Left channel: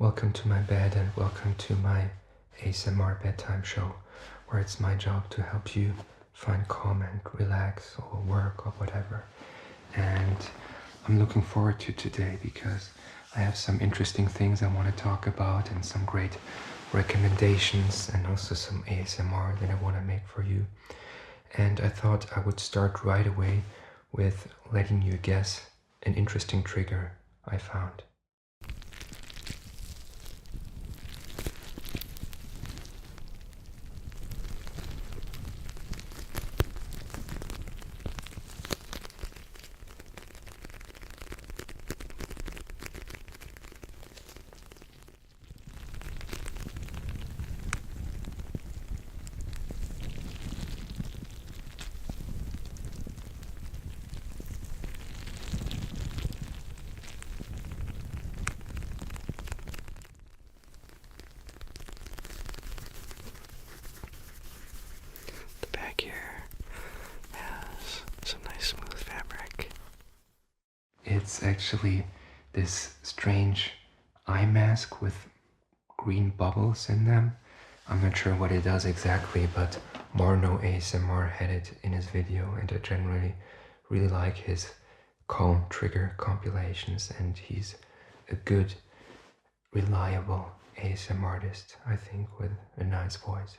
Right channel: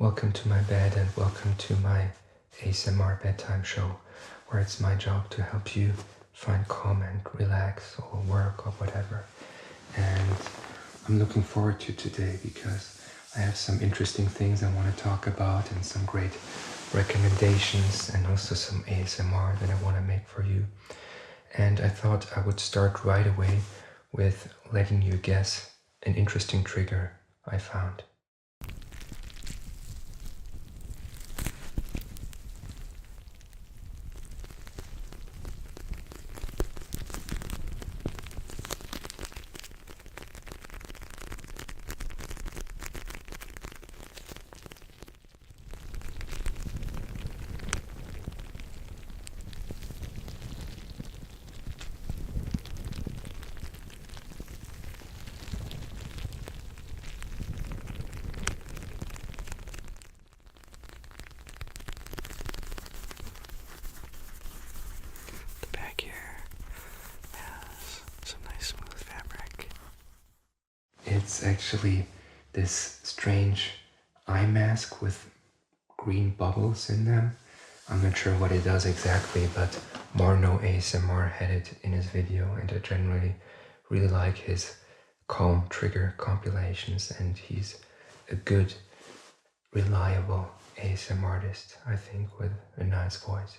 Welcome to my bed and welcome to my ASMR bedtime show, where it's my job to help you find calm and relax or work or whatever. And I'm looking forward to today because I have some interesting things I want to talk about and some great recommendations and also some ASMR that I want to make for you. And I thought I would start right away with letting you guess an interesting trigger I found. It's actually this strange eye mask with green bubbles in them. I'm not sure what it does exactly, but Marno ASMR had it in his video, and I generally really like his calm trigger compilations, and he's a good, reliable ASMR artist, I think, with a nice voice.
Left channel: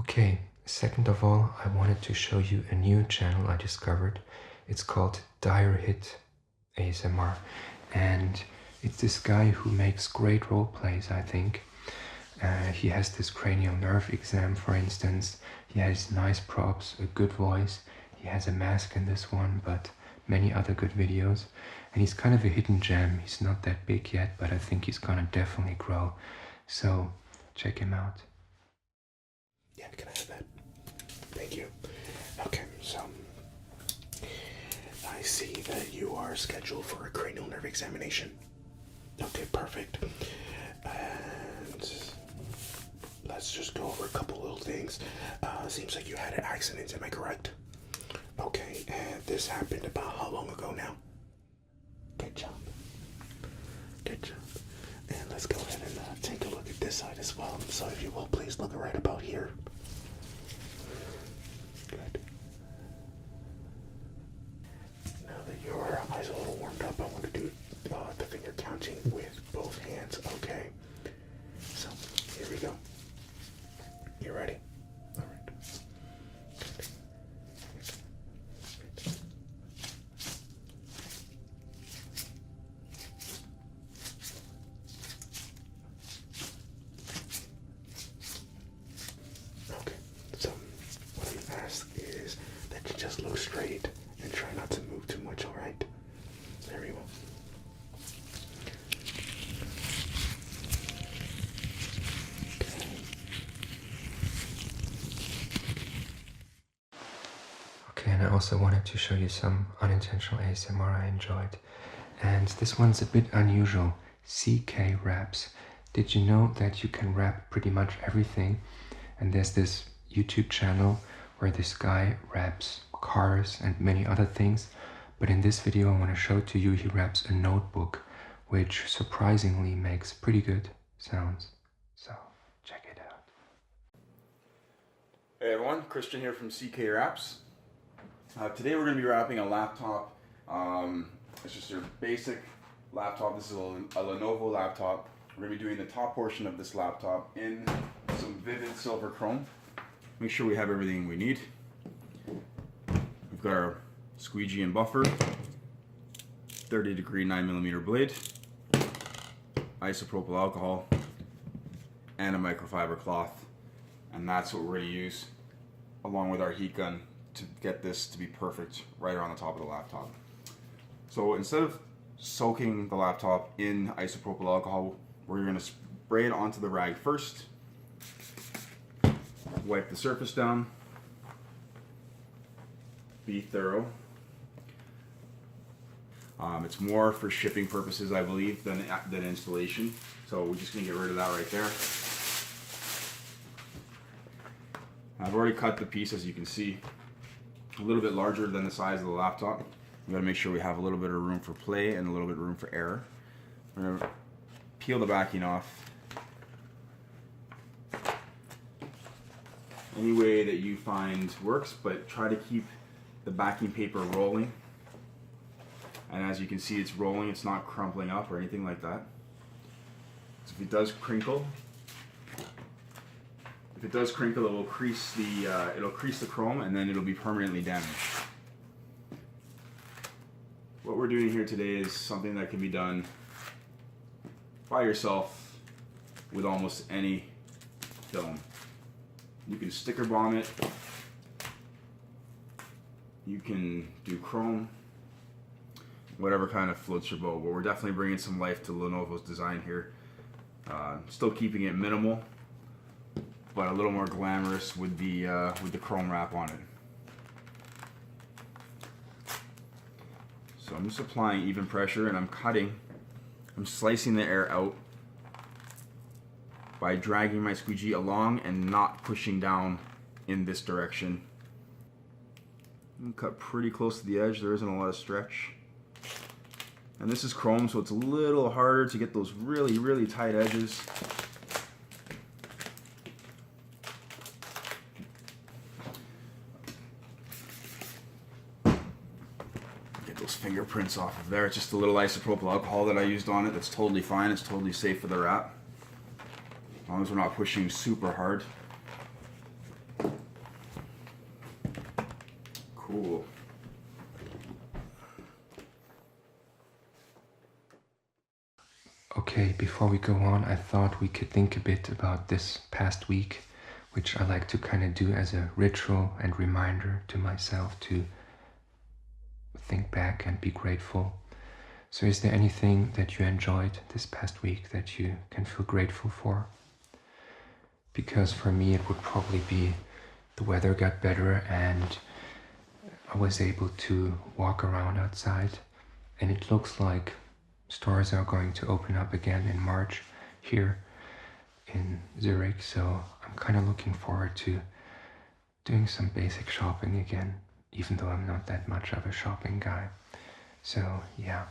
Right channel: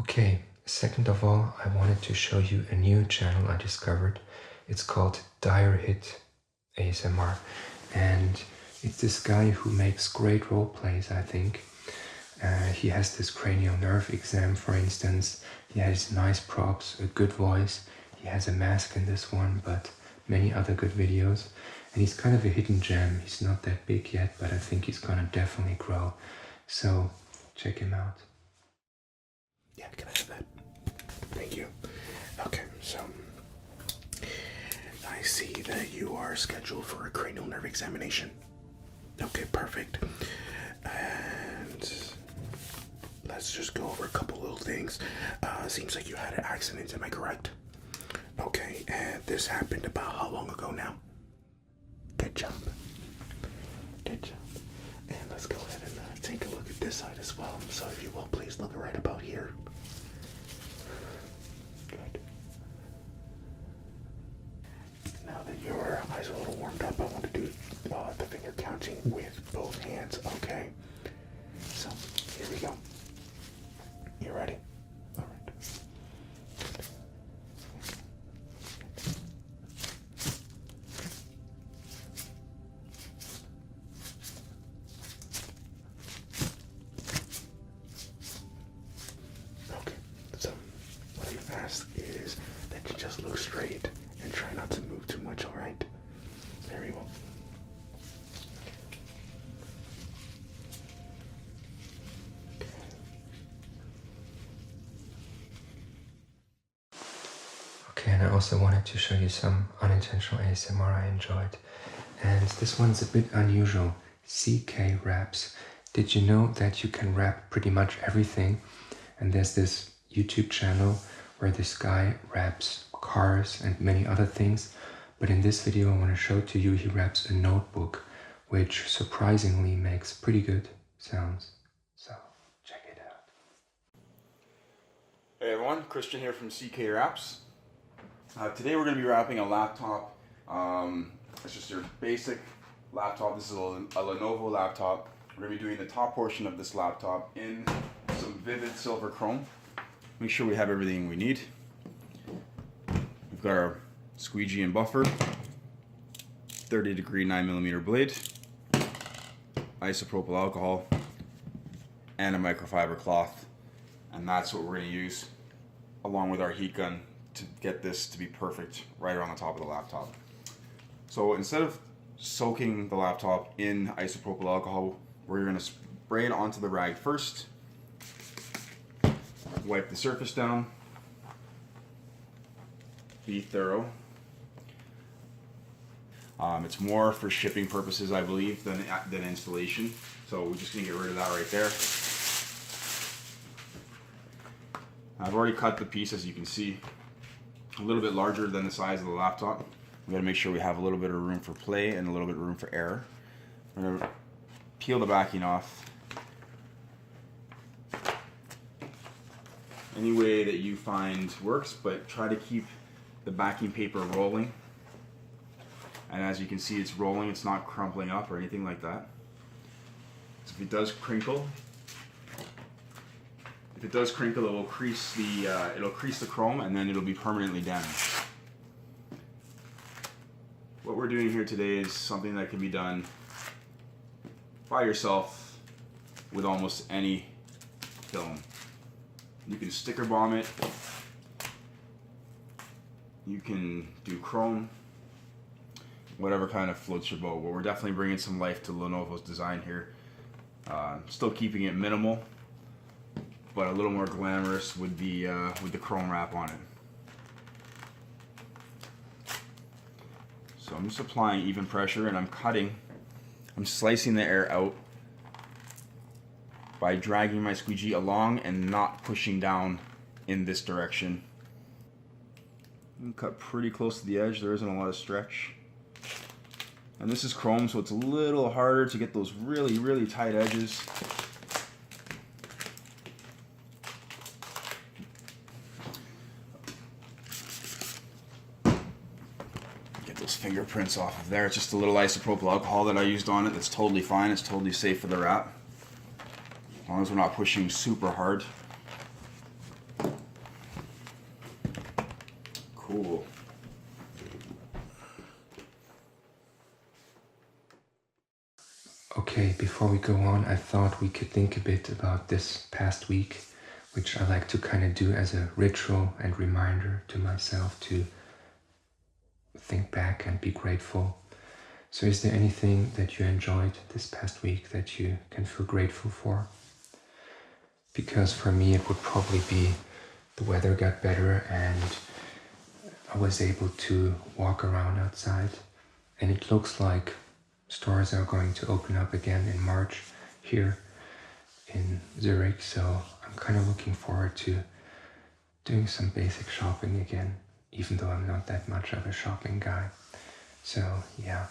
Okay, second of all, I wanted to show you a new channel I discovered. It's called Dire Hit ASMR, and it's this guy who makes great role plays, I think. He has this cranial nerve exam, for instance. He has nice props, a good voice. He has a mask in this one, but many other good videos. And he's kind of a hidden gem. He's not that big yet, but I think he's gonna definitely grow. So check him out. Yeah, can I have that? Thank you. Okay, so I see that you are scheduled for a cranial nerve examination. Okay, perfect. And let's just go over a couple little things. Seems like you had an accident, am I correct? Okay, and this happened about how long ago now? Good job. Good job. And let's go ahead and take a look at this side as well. So if you will, please look right about here. Good. Now that your eyes are a little warmed up, I want to do the finger counting with both hands, okay? So, here we go. You ready? All right. Okay, so what I ask is that you just look straight and try not to move too much, all right? Very well. Okay, and I also wanted to show you some unintentional ASMR I enjoyed. And this one's a bit unusual. CK raps. Did you know that you can rap pretty much everything? And there's this YouTube channel where this guy raps cars and many other things. But in this video I want to show to you he raps a notebook, which surprisingly makes pretty good sounds. So check it out. Hey everyone, Christian here from CK Raps. Today we're going to be wrapping a laptop. It's just your basic laptop. This is a Lenovo laptop. We're going to be doing the top portion of this laptop in some vivid silver chrome. Make sure we have everything we need. We've got our squeegee and buffer, 30-degree 9mm blade, isopropyl alcohol, and a microfiber cloth. And that's what we're going to use along with our heat gun to get this to be perfect right around the top of the laptop. So instead of soaking the laptop in isopropyl alcohol, we're going to spray it onto the rag first, wipe the surface down, be thorough. It's more for shipping purposes, I believe, than installation. So we're just going to get rid of that right there. I've already cut the piece, as you can see, a little bit larger than the size of the laptop. We got to make sure we have a little bit of room for play and a little bit of room for error. We're going to peel the backing off any way that you find works, but try to keep the backing paper rolling. And as you can see, it's rolling, it's not crumpling up or anything like that. So if it does crinkle, it will crease the chrome, and then it'll be permanently damaged. What we're doing here today is something that can be done by yourself with almost any film. You can sticker bomb it, you can do chrome, whatever kind of floats your boat. But we're definitely bringing some life to Lenovo's design here. Still keeping it minimal, but a little more glamorous with the chrome wrap on it. So I'm just applying even pressure, and I'm slicing the air out by dragging my squeegee along and not pushing down in this direction. Cut pretty close to the edge, there isn't a lot of stretch. And this is chrome, so it's a little harder to get those really, really tight edges. Get those fingerprints off of there. It's just a little isopropyl alcohol that I used on it. That's totally fine. It's totally safe for the wrap, as long as we're not pushing super hard. Cool. Okay, before we go on, I thought we could think a bit about this past week, which I like to kind of do as a ritual and reminder to myself to think back and be grateful. So is there anything that you enjoyed this past week that you can feel grateful for? Because for me it would probably be the weather got better and I was able to walk around outside, and it looks like stores are going to open up again in March here in Zurich, so I'm kind of looking forward to doing some basic shopping again, even though I'm not that much of a shopping guy. So yeah.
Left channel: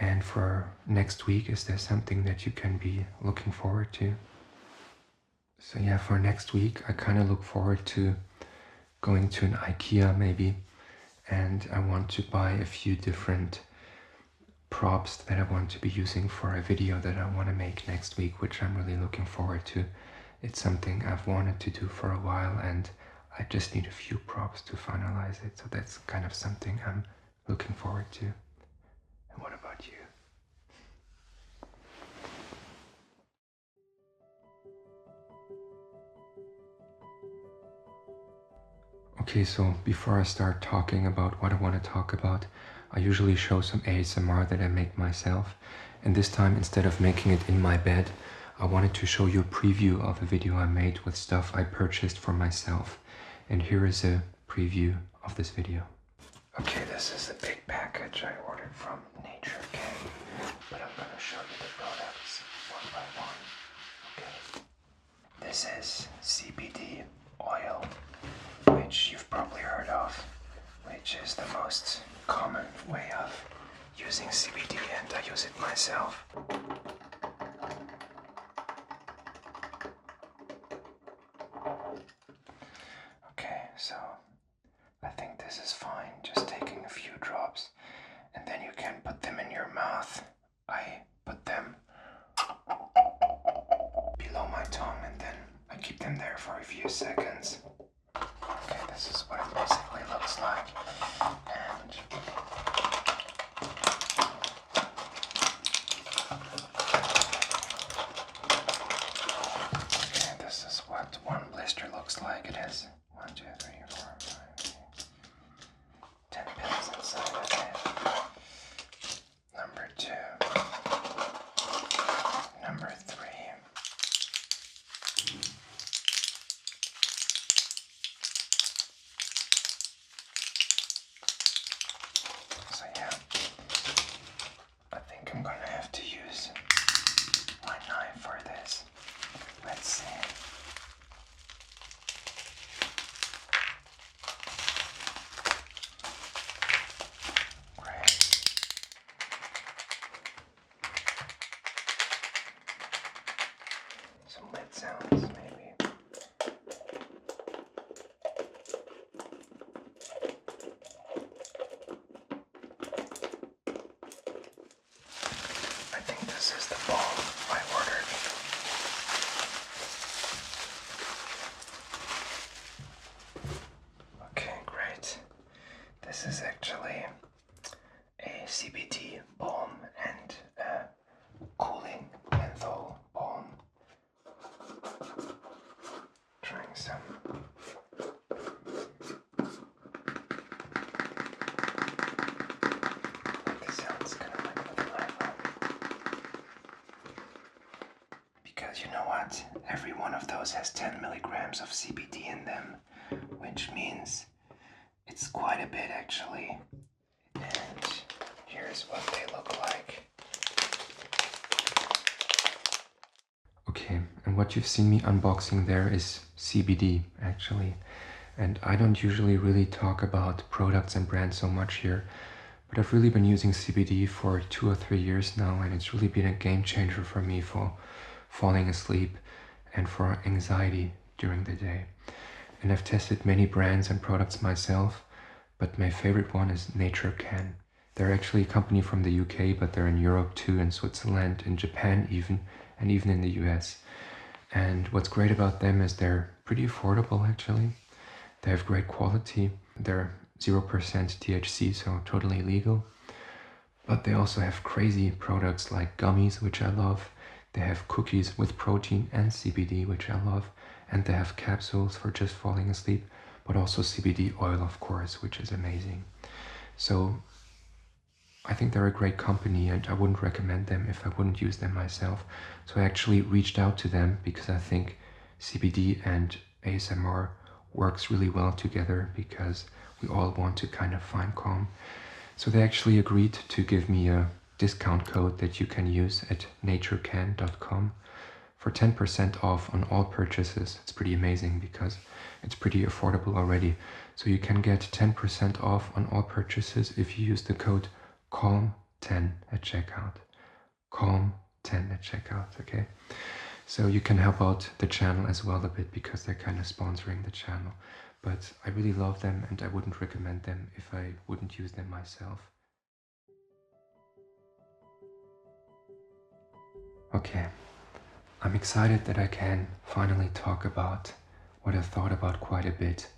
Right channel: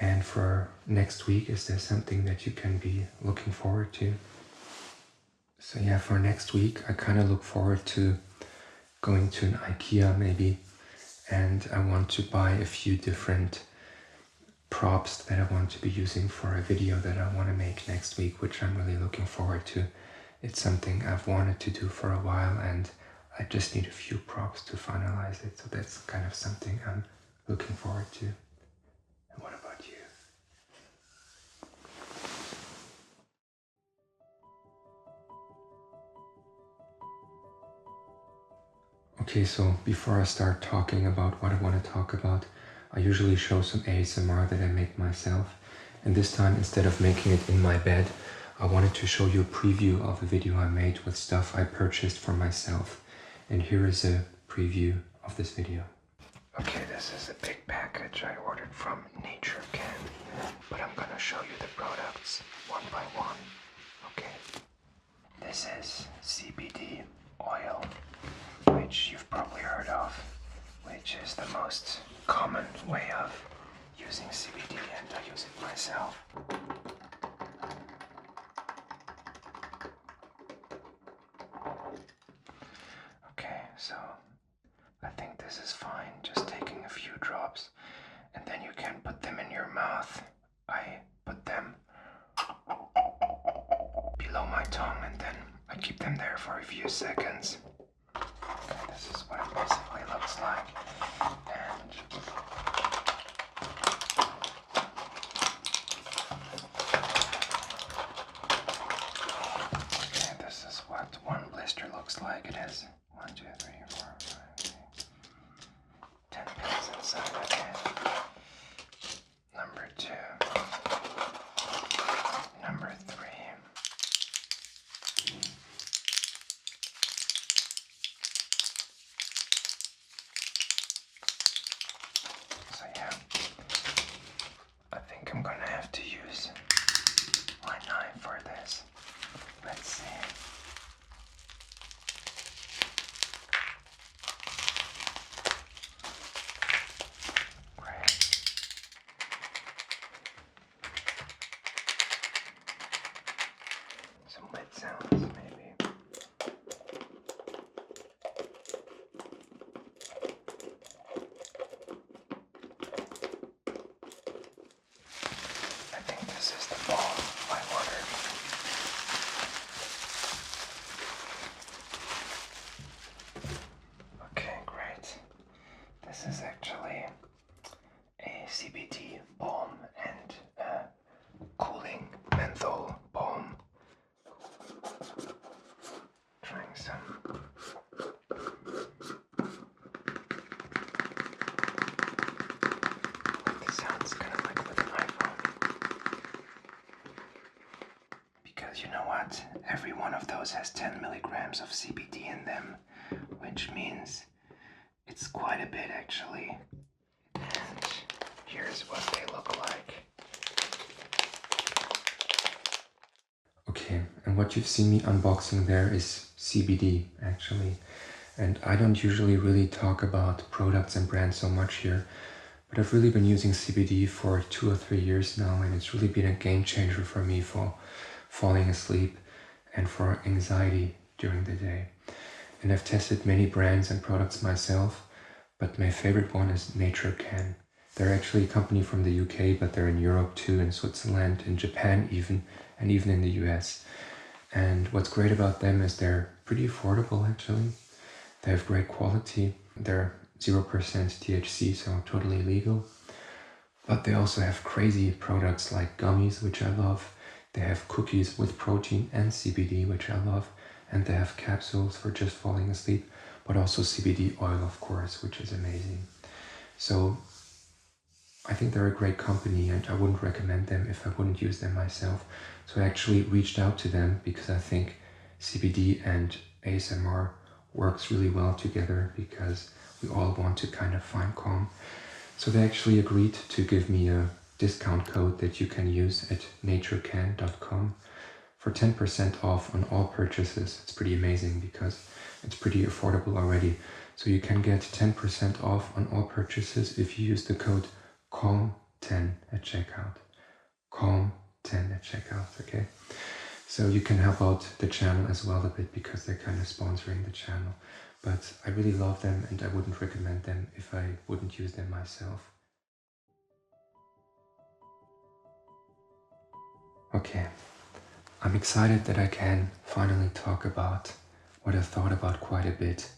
And for next week, is there something that you can be looking forward to? So yeah, for next week, I kind of look forward to going to an IKEA maybe, and I want to buy a few different props that I want to be using for a video that I want to make next week, which I'm really looking forward to. It's something I've wanted to do for a while, and I just need a few props to finalize it, so that's kind of something I'm looking forward to. And what about you? Okay, so before I start talking about what I want to talk about, I usually show some ASMR that I make myself, and this time, instead of making it in my bed, I wanted to show you a preview of a video I made with stuff I purchased for myself. And here is a preview of this video. Okay, this is a big package I ordered from Nature Can, but I'm gonna show you the products one by one. Okay, this is CBD oil, which you've probably heard of, which is the most common way of using CBD, and I use it myself. Okay, so I think this is fine, just taking a few drops, and then you can put them in your mouth. I put them below my tongue, and then I keep them there for a few seconds. Okay, this is what it basically looks like. And okay, this is what one blister looks like. It is 1, 2, 3, 4, 5, 6, 10 pills inside of it. Number 2. Number 3. this is the balm I ordered. Okay, great. This is actually a CBD balm and a cooling menthol balm. Trying some. This sounds kind of like with an iPhone. Because you know what? Every one of those has 10 milligrams of CBD in them, which means it's quite a bit actually. And here's what they look like. Okay, and what you've seen me unboxing there is CBD actually. And I don't usually really talk about products and brands so much here, but I've really been using CBD for 2 or 3 years now, and it's really been a game changer for me for falling asleep and for anxiety during the day. And I've tested many brands and products myself, but my favorite one is Nature Can. They're actually a company from the UK, but they're in Europe too, in Switzerland, in Japan even, and even in the US. And what's great about them is they're pretty affordable actually. They have great quality. They're 0% THC, so totally legal. But they also have crazy products like gummies, which I love. They have cookies with protein and CBD, which I love. And they have capsules for just falling asleep, but also CBD oil, of course, which is amazing. So I think they're a great company, and I wouldn't recommend them if I wouldn't use them myself. So I actually reached out to them because I think CBD and ASMR works really well together, because we all want to kind of find calm. So they actually agreed to give me a discount code that you can use at naturecan.com for 10% off on all purchases. It's pretty amazing because it's pretty affordable already. So you can get 10% off on all purchases if you use the code CALM10 at checkout. CALM10 at checkout, okay? So you can help out the channel as well a bit, because they're kind of sponsoring the channel. But I really love them, and I wouldn't recommend them if I wouldn't use them myself. Okay, I'm excited that I can finally talk about what I've thought about quite a bit.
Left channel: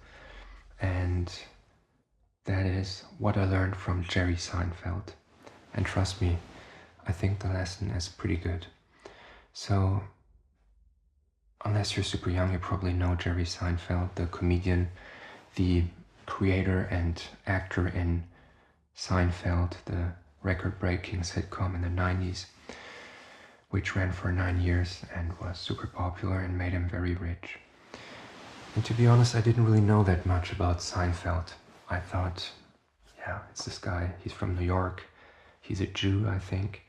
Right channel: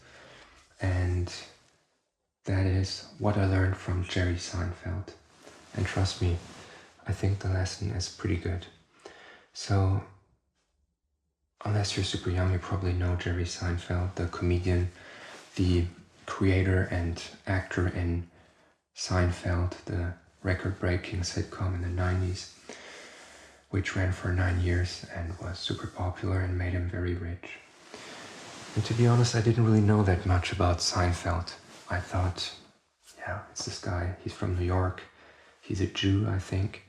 And that is what I learned from Jerry Seinfeld. And trust me, I think the lesson is pretty good. So, unless you're super young, you probably know Jerry Seinfeld, the comedian, the creator and actor in Seinfeld, the record-breaking sitcom in the 90s, which ran for 9 years and was super popular and made him very rich. And to be honest, I didn't really know that much about Seinfeld. I thought, yeah, it's this guy, he's from New York, he's a Jew, I think,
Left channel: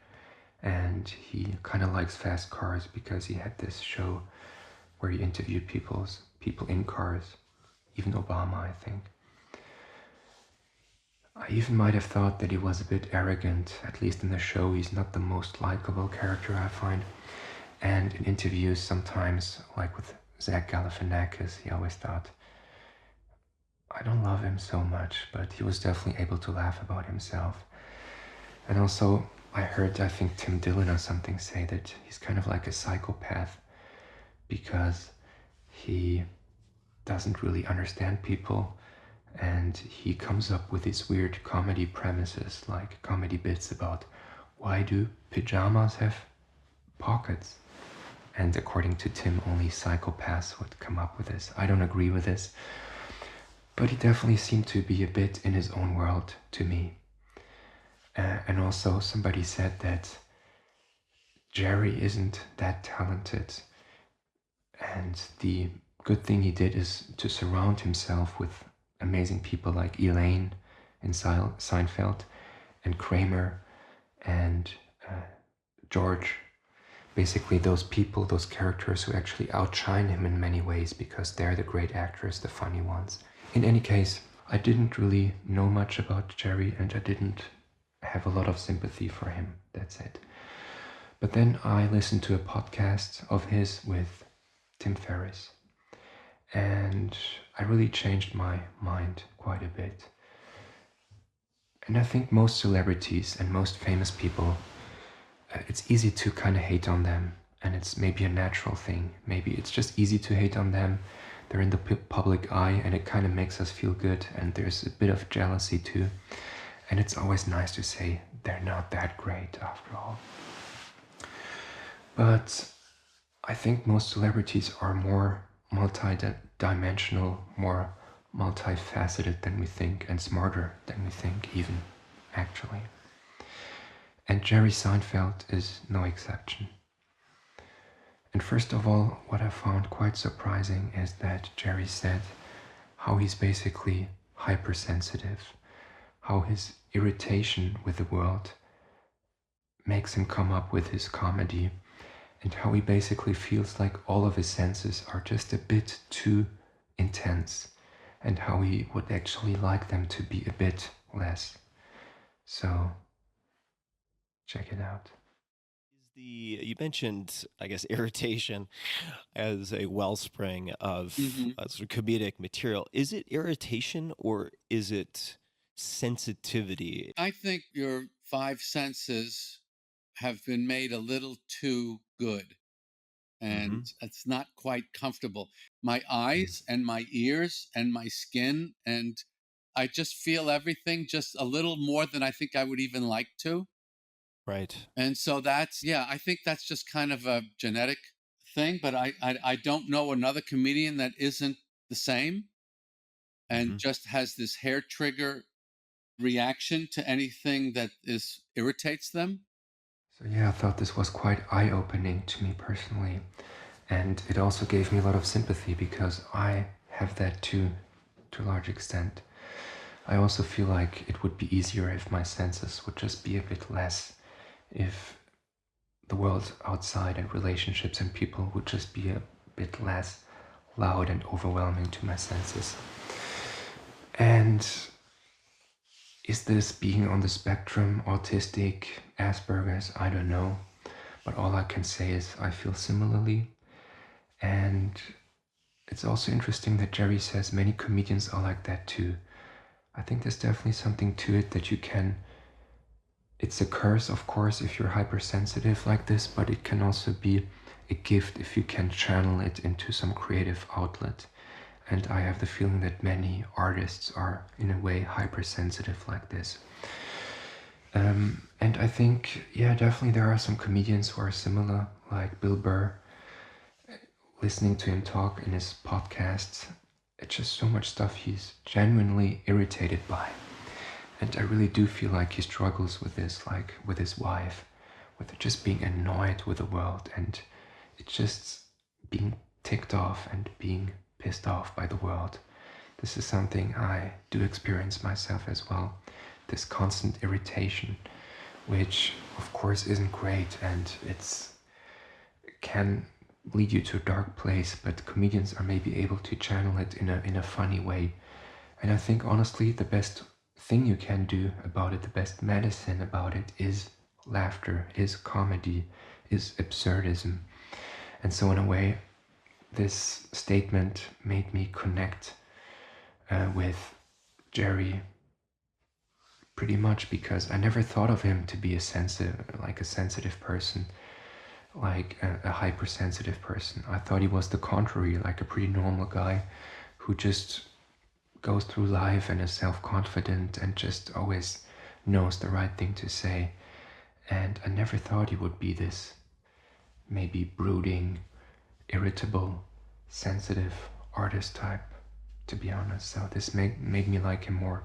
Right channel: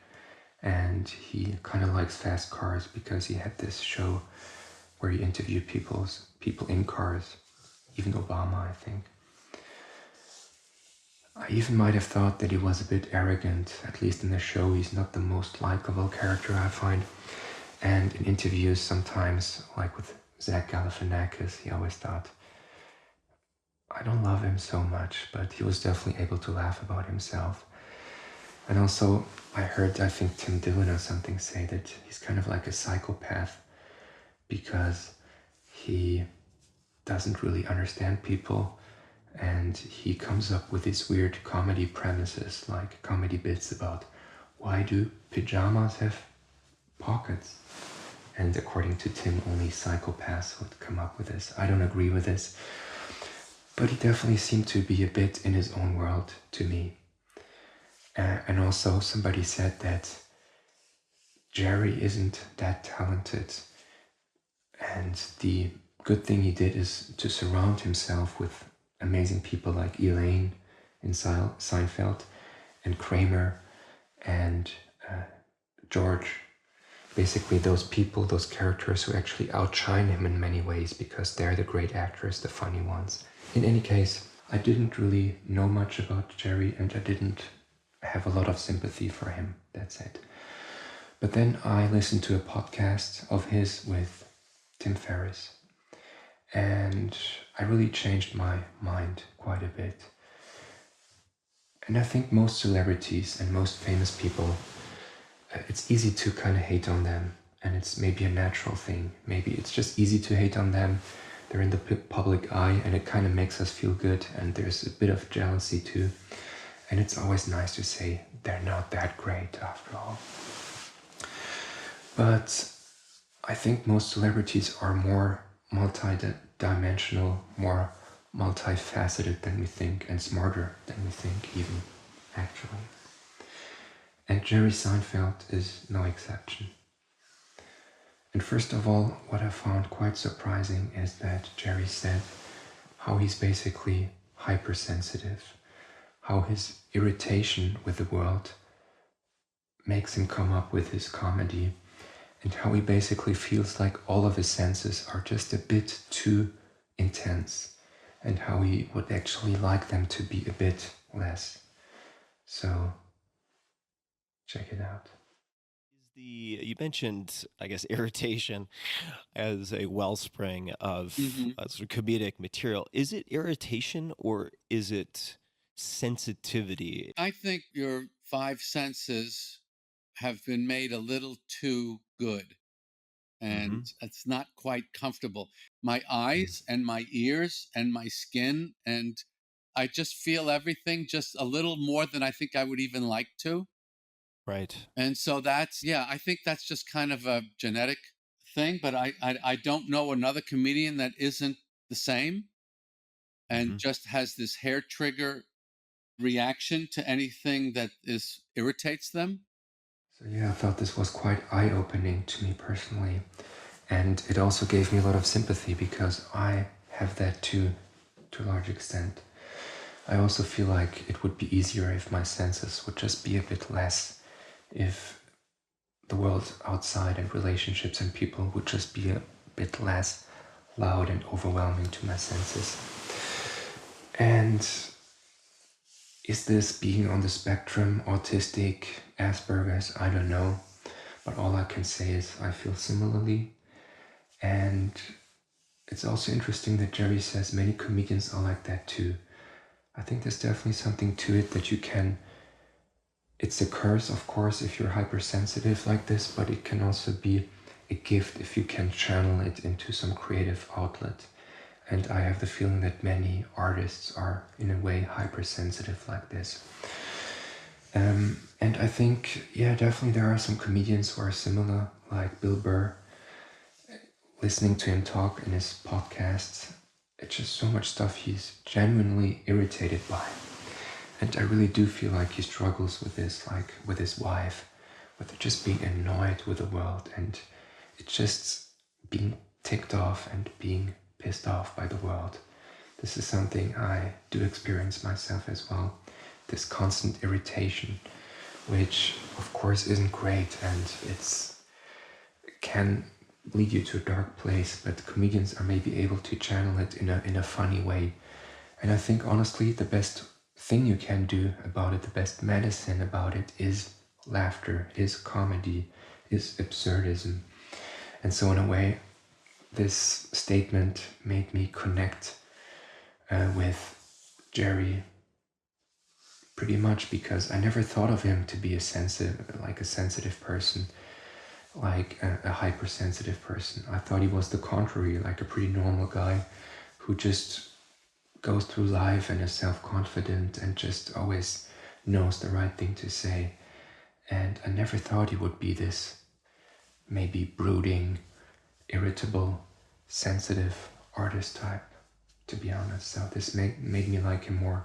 and he kind of likes fast cars because he had this show where he interviewed people in cars, even Obama, I think. I even might have thought that he was a bit arrogant, at least in the show. He's not the most likable character, I find. And in interviews sometimes, like with Zach Galifianakis, he always thought, I don't love him so much, but he was definitely able to laugh about himself. And also, I think Tim Dillon or something say that he's kind of like a psychopath, because he doesn't really understand people, and he comes up with these weird comedy premises, like comedy bits about why do pajamas have pockets? And according to Tim, only psychopaths would come up with this. I don't agree with this, but he definitely seemed to be a bit in his own world to me. And also somebody said that Jerry isn't that talented, and the good thing he did is to surround himself with amazing people like Elaine in Seinfeld, and Kramer, and George. Basically those people, those characters who actually outshine him in many ways, because they're the great actors, the funny ones. In any case, I didn't really know much about Jerry, and I didn't have a lot of sympathy for him, that's it. But then I listened to a podcast of his with Tim Ferriss, and I really changed my mind quite a bit. And I think most celebrities and most famous people it's easy to kind of hate on them, and it's maybe a natural thing. Maybe it's just easy to hate on them. They're in the public eye, and it kind of makes us feel good, and there's a bit of jealousy too. And it's always nice to say they're not that great after all. But I think most celebrities are more multi-dimensional, more multifaceted than we think, and smarter than we think even, actually. And Jerry Seinfeld is no exception. And first of all, what I found quite surprising is that Jerry said how he's basically hypersensitive, how his irritation with the world makes him come up with his comedy, and how he basically feels like all of his senses are just a bit too intense, and how he would actually like them to be a bit less. So, check it out. You mentioned, I guess, irritation as a wellspring of sort of comedic material. Is it irritation or is it sensitivity? I think your five senses have been made a little too good, and it's not quite comfortable. My eyes and my ears and my skin, and I just feel everything just a little more than I think I would even like to. Right. And so that's, yeah, I think that's just kind of a genetic thing, but I don't know another comedian that isn't the same and just has this hair trigger reaction to anything that is irritates them. So yeah, I thought this was quite eye-opening to me personally, and it also gave me a lot of sympathy because I have that too, to a large extent. I also feel like it would be easier if my senses would just be a bit less, if the world outside and relationships and people would just be a bit less loud and overwhelming to my senses. And is this being on the spectrum, autistic, Asperger's? I don't know. But all I can say is I feel similarly. And it's also interesting that Jerry says many comedians are like that too. I think there's definitely something to it that you can. It's a curse, of course, if you're hypersensitive like this, but it can also be a gift if you can channel it into some creative outlet. And I have the feeling that many artists are, in a way, hypersensitive like this. And I think, yeah, definitely there are some comedians who are similar, like Bill Burr. Listening to him talk in his podcasts, it's just so much stuff he's genuinely irritated by. And I really do feel like he struggles with this, like with his wife, with just being annoyed with the world, and it's just being ticked off and being pissed off by the world. This is something I do experience myself as well. This constant irritation, which of course isn't great, and it can lead you to a dark place, but comedians are maybe able to channel it in a funny way. And I think honestly the best thing you can do about it, the best medicine about it, is laughter, is comedy, is absurdism. And so in a way, this statement made me connect with Jerry pretty much, because I never thought of him to be a sensitive person, like a hypersensitive person. I thought he was the contrary, like a pretty normal guy who just goes through life and is self-confident and just always knows the right thing to say. And I never thought he would be this maybe brooding, irritable, sensitive artist type, to be honest. So this made me like him more.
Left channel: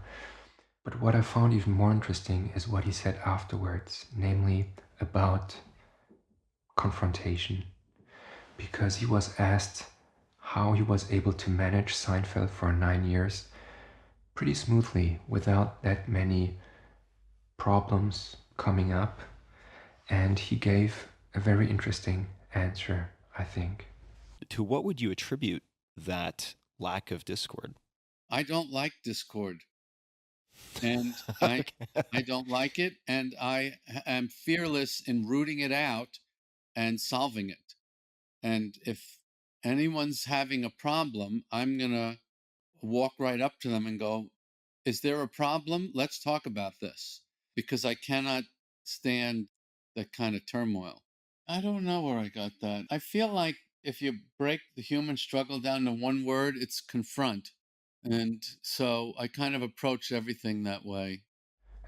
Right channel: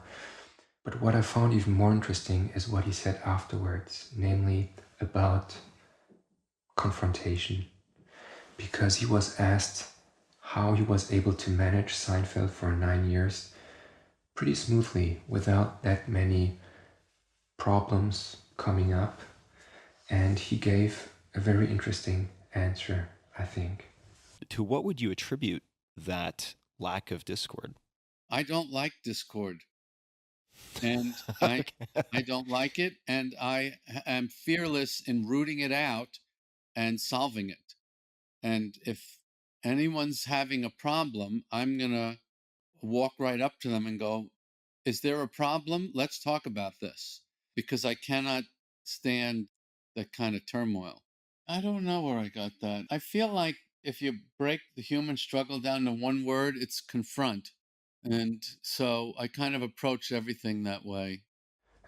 But what I found even more interesting is what he said afterwards, namely about confrontation. Because he was asked how he was able to manage Seinfeld for 9 years pretty smoothly without that many problems coming up. And he gave a very interesting answer, I think. To what would you attribute that lack of discord? I don't like discord, and I don't like it, and I am fearless in rooting it out and solving it. And if anyone's having a problem, I'm gonna walk right up to them and go, "Is there a problem? Let's talk about this," because I cannot stand that kind of turmoil. I don't know where I got that. I feel like if you break the human struggle down to one word, it's confront. And so I kind of approach everything that way.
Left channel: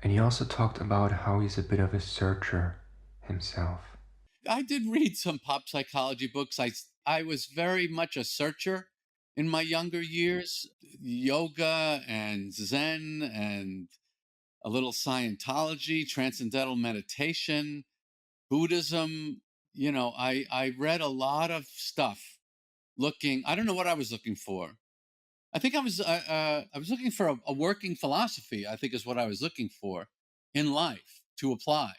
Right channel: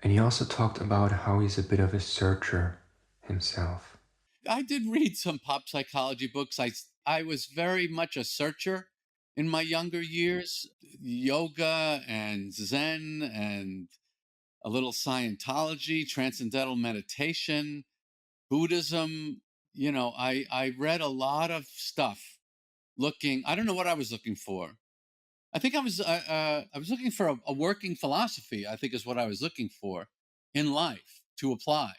And he also talked about how he's a bit of a searcher himself. I did read some pop psychology books. I was very much a searcher in my younger years. Yoga and Zen and a little Scientology, transcendental meditation, Buddhism. You know, I read a lot of stuff looking. I don't know what I was looking for. I think I was looking for a working philosophy. I think is what I was looking for in life to apply.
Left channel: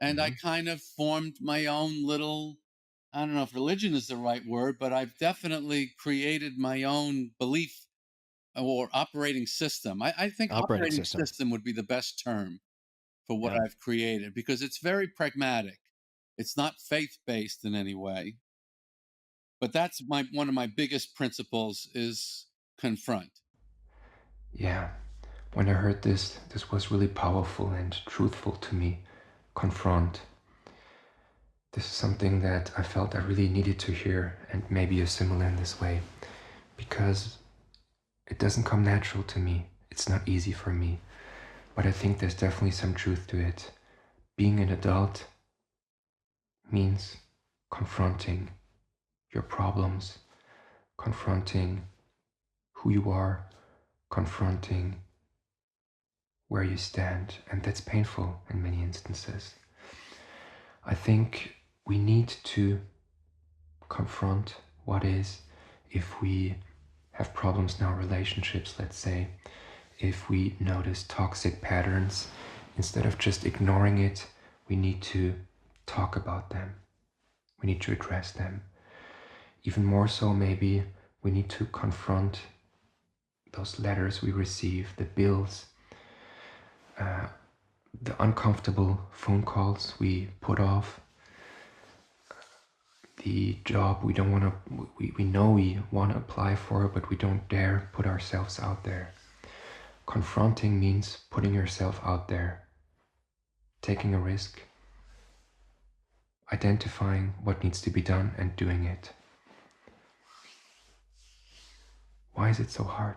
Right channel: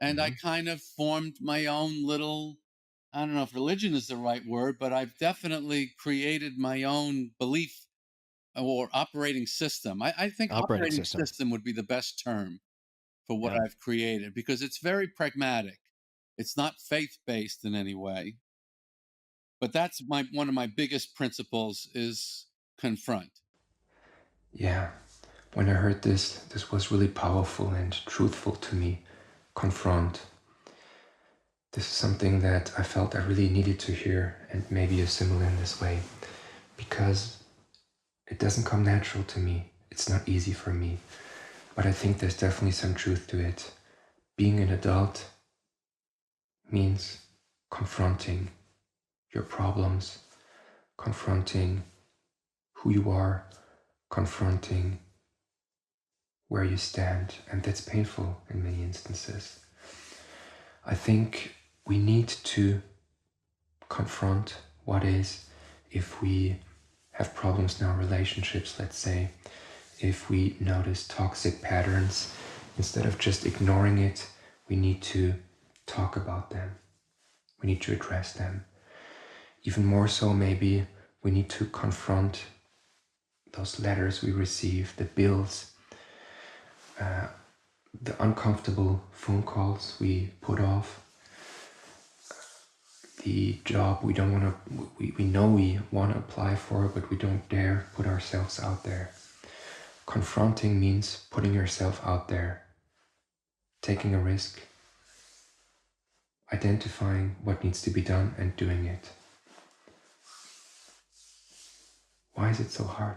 And I kind of formed my own little, I don't know if religion is the right word, but I've definitely created my own belief or operating system. I think Operating operating system. system would be the best term for what Yeah. I've created because it's very pragmatic. It's not faith based in any way. But that's one of my biggest principles is confront. Yeah, when I heard this, this was really powerful and truthful to me. Confront. This is something that I felt I really needed to hear, and maybe you're similar in this way, because it doesn't come natural to me. It's not easy for me, but I think there's definitely some truth to it. Being an adult means confronting your problems, confronting who you are, confronting where you stand, and that's painful in many instances. I think we need to confront what is if we have problems in our relationships, let's say, if we notice toxic patterns, instead of just ignoring it, we need to talk about them. We need to address them. Even more so, maybe we need to confront those letters we receive, the bills, the uncomfortable phone calls we put off, the job we don't want to, we know we want to apply for, but we don't dare put ourselves out there. Confronting means putting yourself out there, taking a risk, identifying what needs to be done and doing it. Why is it so hard?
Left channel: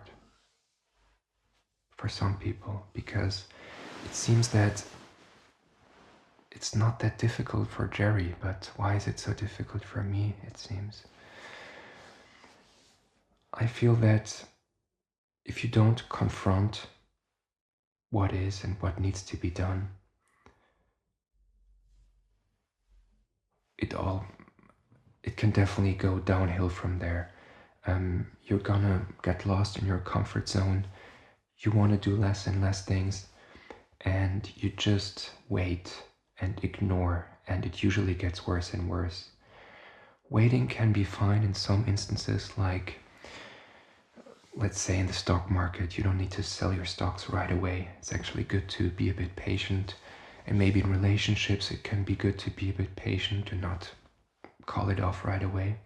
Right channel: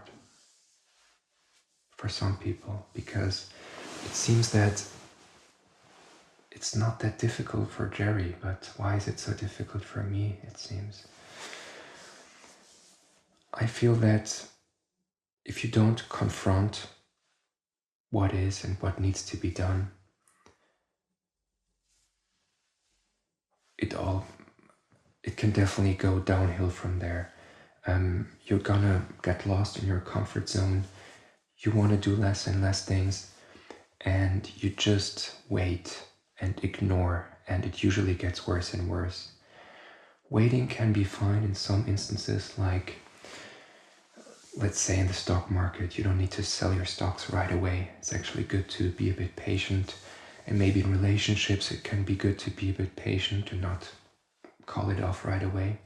For some people, because it seems that it's not that difficult for Jerry, but why is it so difficult for me, it seems? I feel that if you don't confront what is and what needs to be done, it can definitely go downhill from there. You're gonna get lost in your comfort zone. You want to do less and less things, and you just wait and ignore, and it usually gets worse and worse. Waiting can be fine in some instances, like let's say in the stock market, you don't need to sell your stocks right away. It's actually good to be a bit patient. And maybe in relationships, it can be good to be a bit patient, to not call it off right away.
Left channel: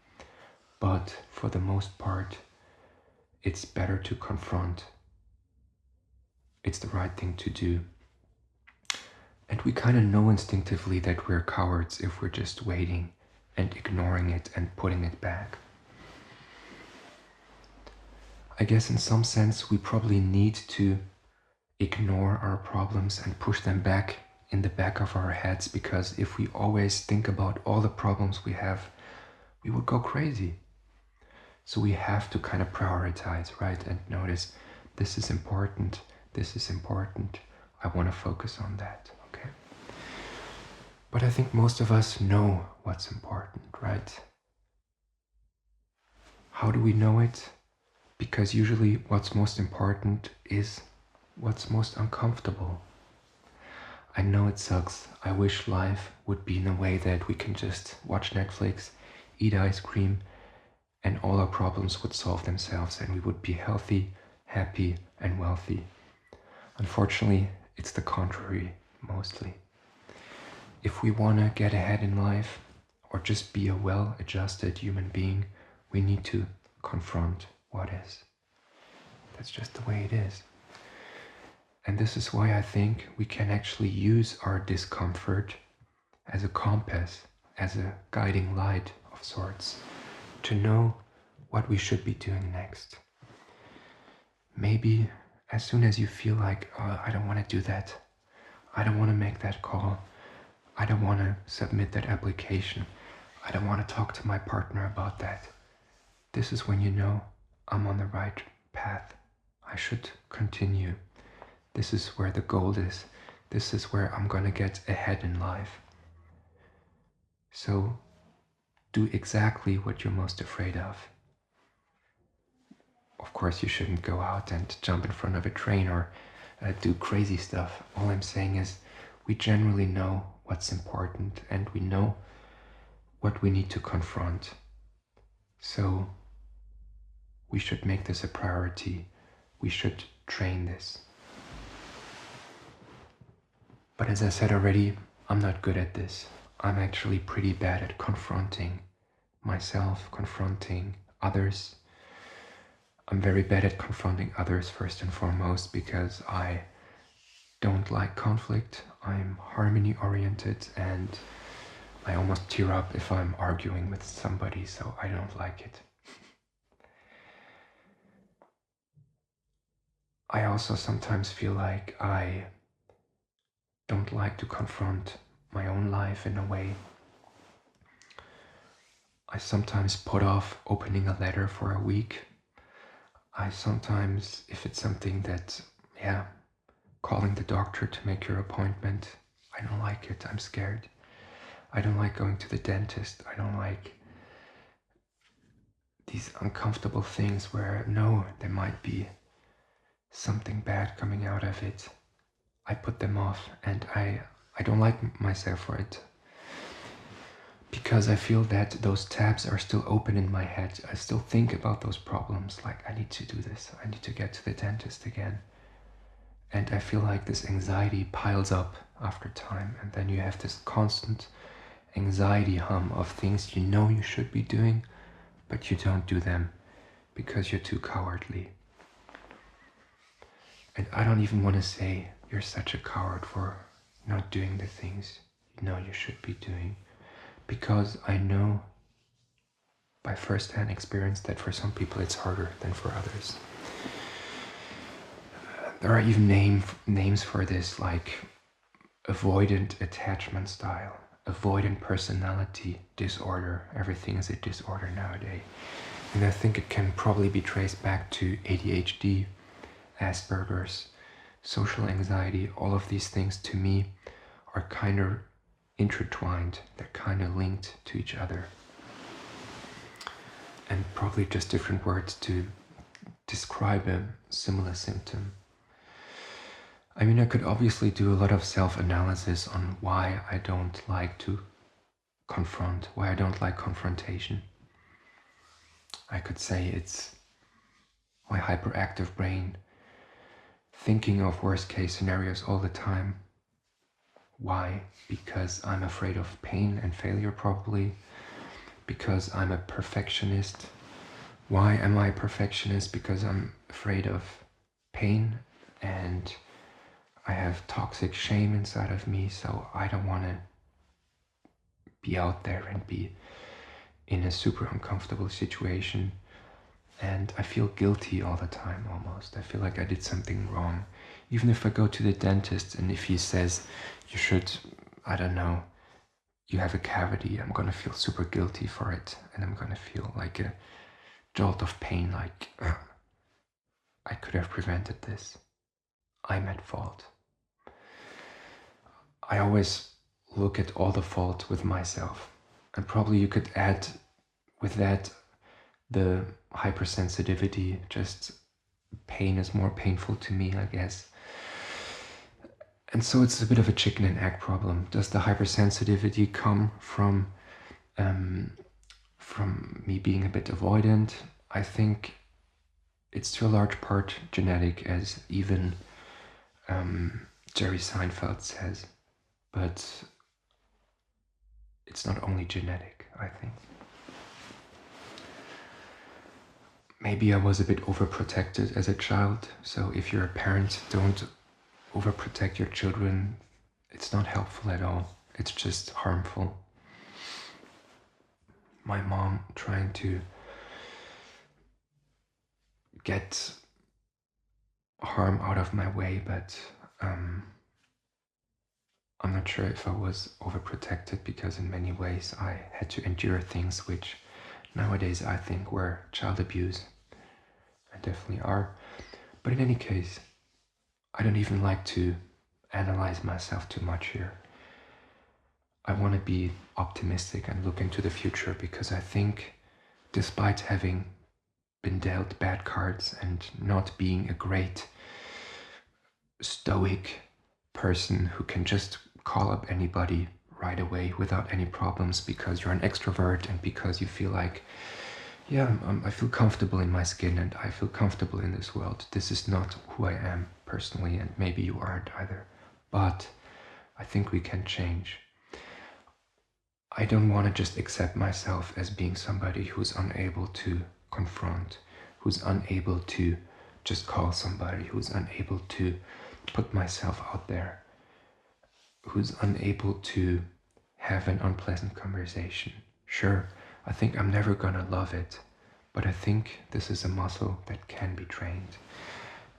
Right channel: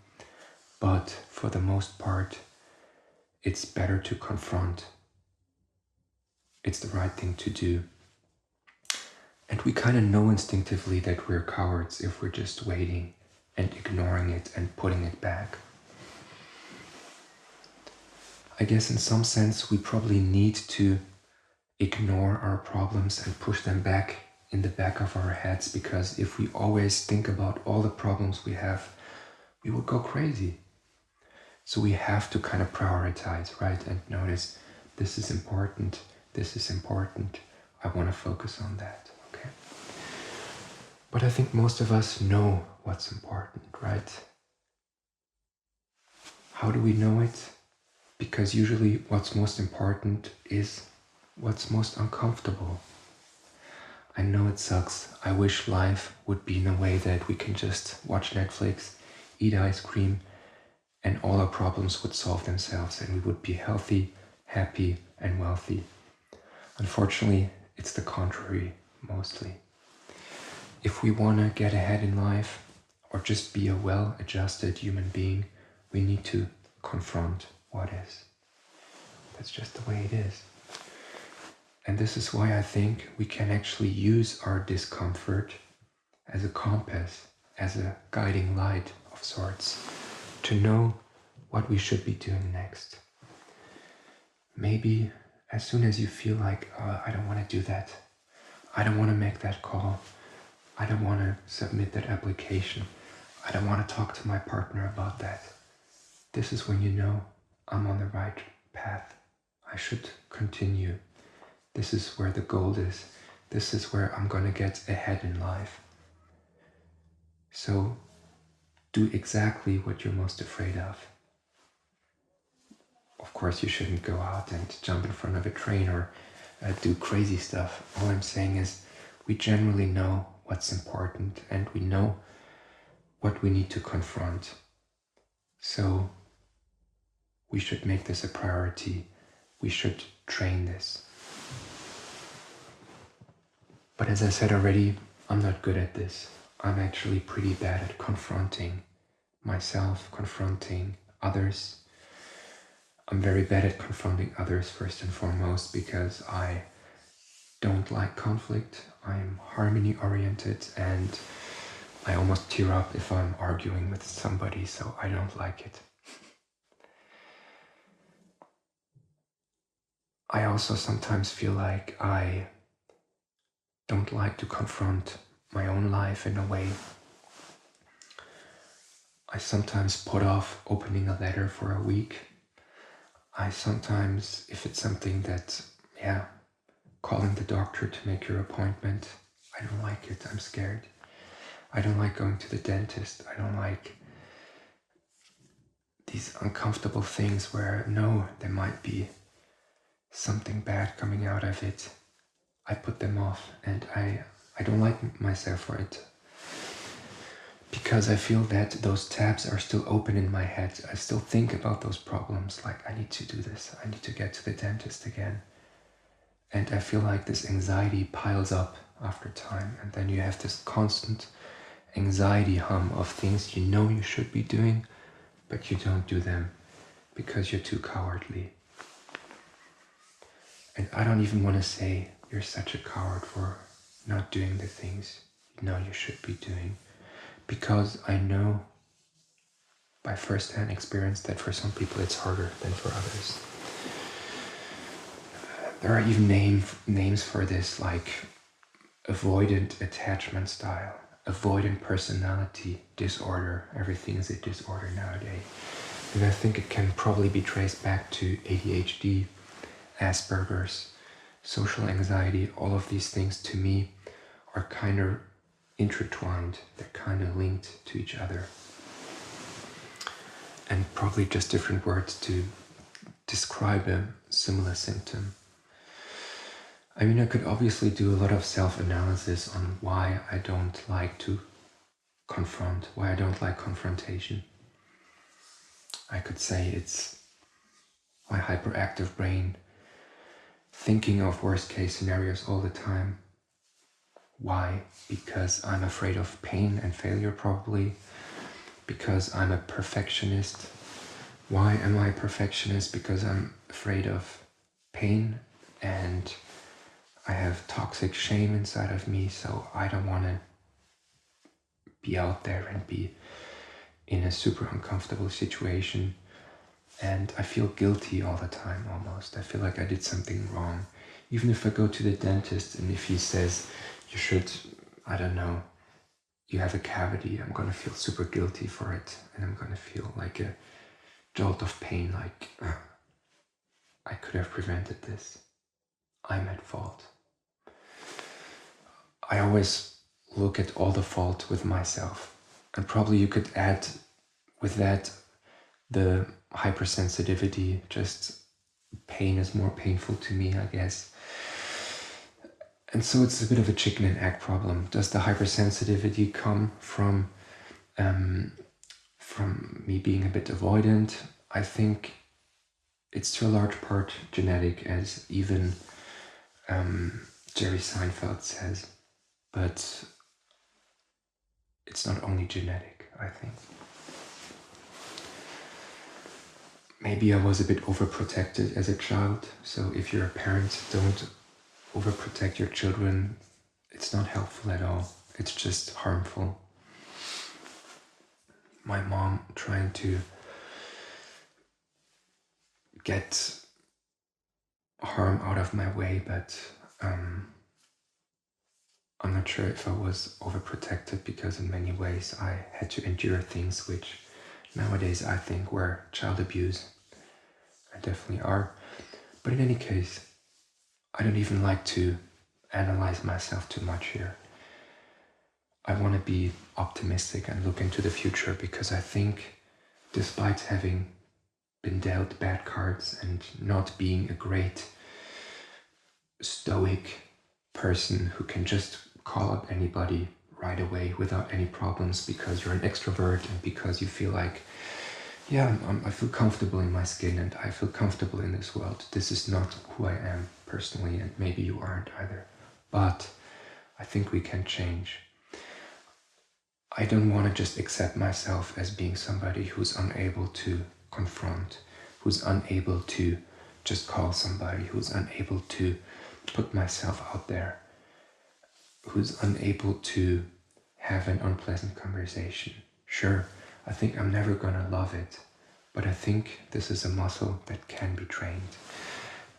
But for the most part, it's better to confront. It's the right thing to do. And we kind of know instinctively that we're cowards if we're just waiting and ignoring it and putting it back. I guess in some sense we probably need to ignore our problems and push them back in the back of our heads, because if we always think about all the problems we have, we would go crazy. So we have to kind of prioritize, right? And notice this is important, this is important, I want to focus on that, okay? But I think most of us know what's important, right? How do we know it? Because usually what's most important is what's most uncomfortable. I know it sucks. I wish life would be in a way that we can just watch Netflix, eat ice cream, and all our problems would solve themselves and we would be healthy, happy, and wealthy. Unfortunately, it's the contrary, mostly. If we want to get ahead in life, or just be a well-adjusted human being, we need to confront what is. That's just the way it is. And this is why I think we can actually use our discomfort as a compass, as a guiding light of sorts, to know what we should be doing next. Maybe as soon as you feel like, I don't want to do that, I don't want to make that call, I don't want to submit that application, I don't want to talk to my partner about that, this is when you know I'm on the right path. I should continue. This is where the goal is. This is where I'm going to get ahead in life. So do exactly what you're most afraid of. Of course, you shouldn't go out and jump in front of a train or do crazy stuff. All I'm saying is we generally know what's important and we know what we need to confront. So we should make this a priority. We should train this. But as I said already, I'm not good at this. I'm actually pretty bad at confronting myself, confronting others. I'm very bad at confronting others first and foremost because I don't like conflict. I'm harmony oriented and I almost tear up if I'm arguing with somebody, so I don't like it. I also sometimes feel like I don't like to confront my own life in a way. I sometimes put off opening a letter for a week. I sometimes, if it's something that, calling the doctor to make your appointment, I don't like it, I'm scared. I don't like going to the dentist. I don't like these uncomfortable things where, no, there might be something bad coming out of it. I put them off and I don't like myself for it. Because I feel that those tabs are still open in my head. I still think about those problems, like I need to do this, I need to get to the dentist again. And I feel like this anxiety piles up after time, and then you have this constant anxiety hum of things you know you should be doing, but you don't do them because you're too cowardly. And I don't even want to say you're such a coward for not doing the things you know you should be doing. Because I know by first-hand experience that for some people it's harder than for others. There are even names for this, like avoidant attachment style, avoidant personality disorder. Everything is a disorder nowadays. And I think it can probably be traced back to ADHD, Asperger's, social anxiety. All of these things to me are kind of intertwined, they're kind of linked to each other. And probably just different words to describe a similar symptom. I mean, I could obviously do a lot of self-analysis on why I don't like to confront, why I don't like confrontation. I could say it's my hyperactive brain thinking of worst case scenarios all the time. Why? Because I'm afraid of pain and failure, probably. Because I'm a perfectionist. Why am I a perfectionist? Because I'm afraid of pain and I have toxic shame inside of me, so I don't want to be out there and be in a super uncomfortable situation. And I feel guilty all the time almost. I feel like I did something wrong. Even if I go to the dentist and if he says, you should, I don't know, you have a cavity, I'm gonna feel super guilty for it. And I'm gonna feel like a jolt of pain, like, I could have prevented this. I'm at fault. I always look at all the fault with myself. And probably you could add with that the hypersensitivity, just pain is more painful to me, I guess. And so it's a bit of a chicken and egg problem. Does the hypersensitivity come from me being a bit avoidant? I think it's to a large part genetic, as even Jerry Seinfeld says. But it's not only genetic, I think. Maybe I was a bit overprotected as a child, so if you're a parent, don't overprotect your children. It's not helpful at all. It's just harmful. My mom trying to get harm out of my way, but I'm not sure if I was overprotected, because in many ways I had to endure things which nowadays I think were child abuse. I definitely are. But in any case, I don't even like to analyze myself too much here. I want to be optimistic and look into the future, because I think despite having been dealt bad cards and not being a great stoic person who can just call up anybody right away without any problems because you're an extrovert and because you feel like, yeah, I feel comfortable in my skin and I feel comfortable in this world. This is not who I am personally, and maybe you aren't either. But I think we can change. I don't want to just accept myself as being somebody who's unable to confront, who's unable to just call somebody, who's unable to put myself out there, who's unable to have an unpleasant conversation. Sure, I think I'm never gonna love it, but I think this is a muscle that can be trained.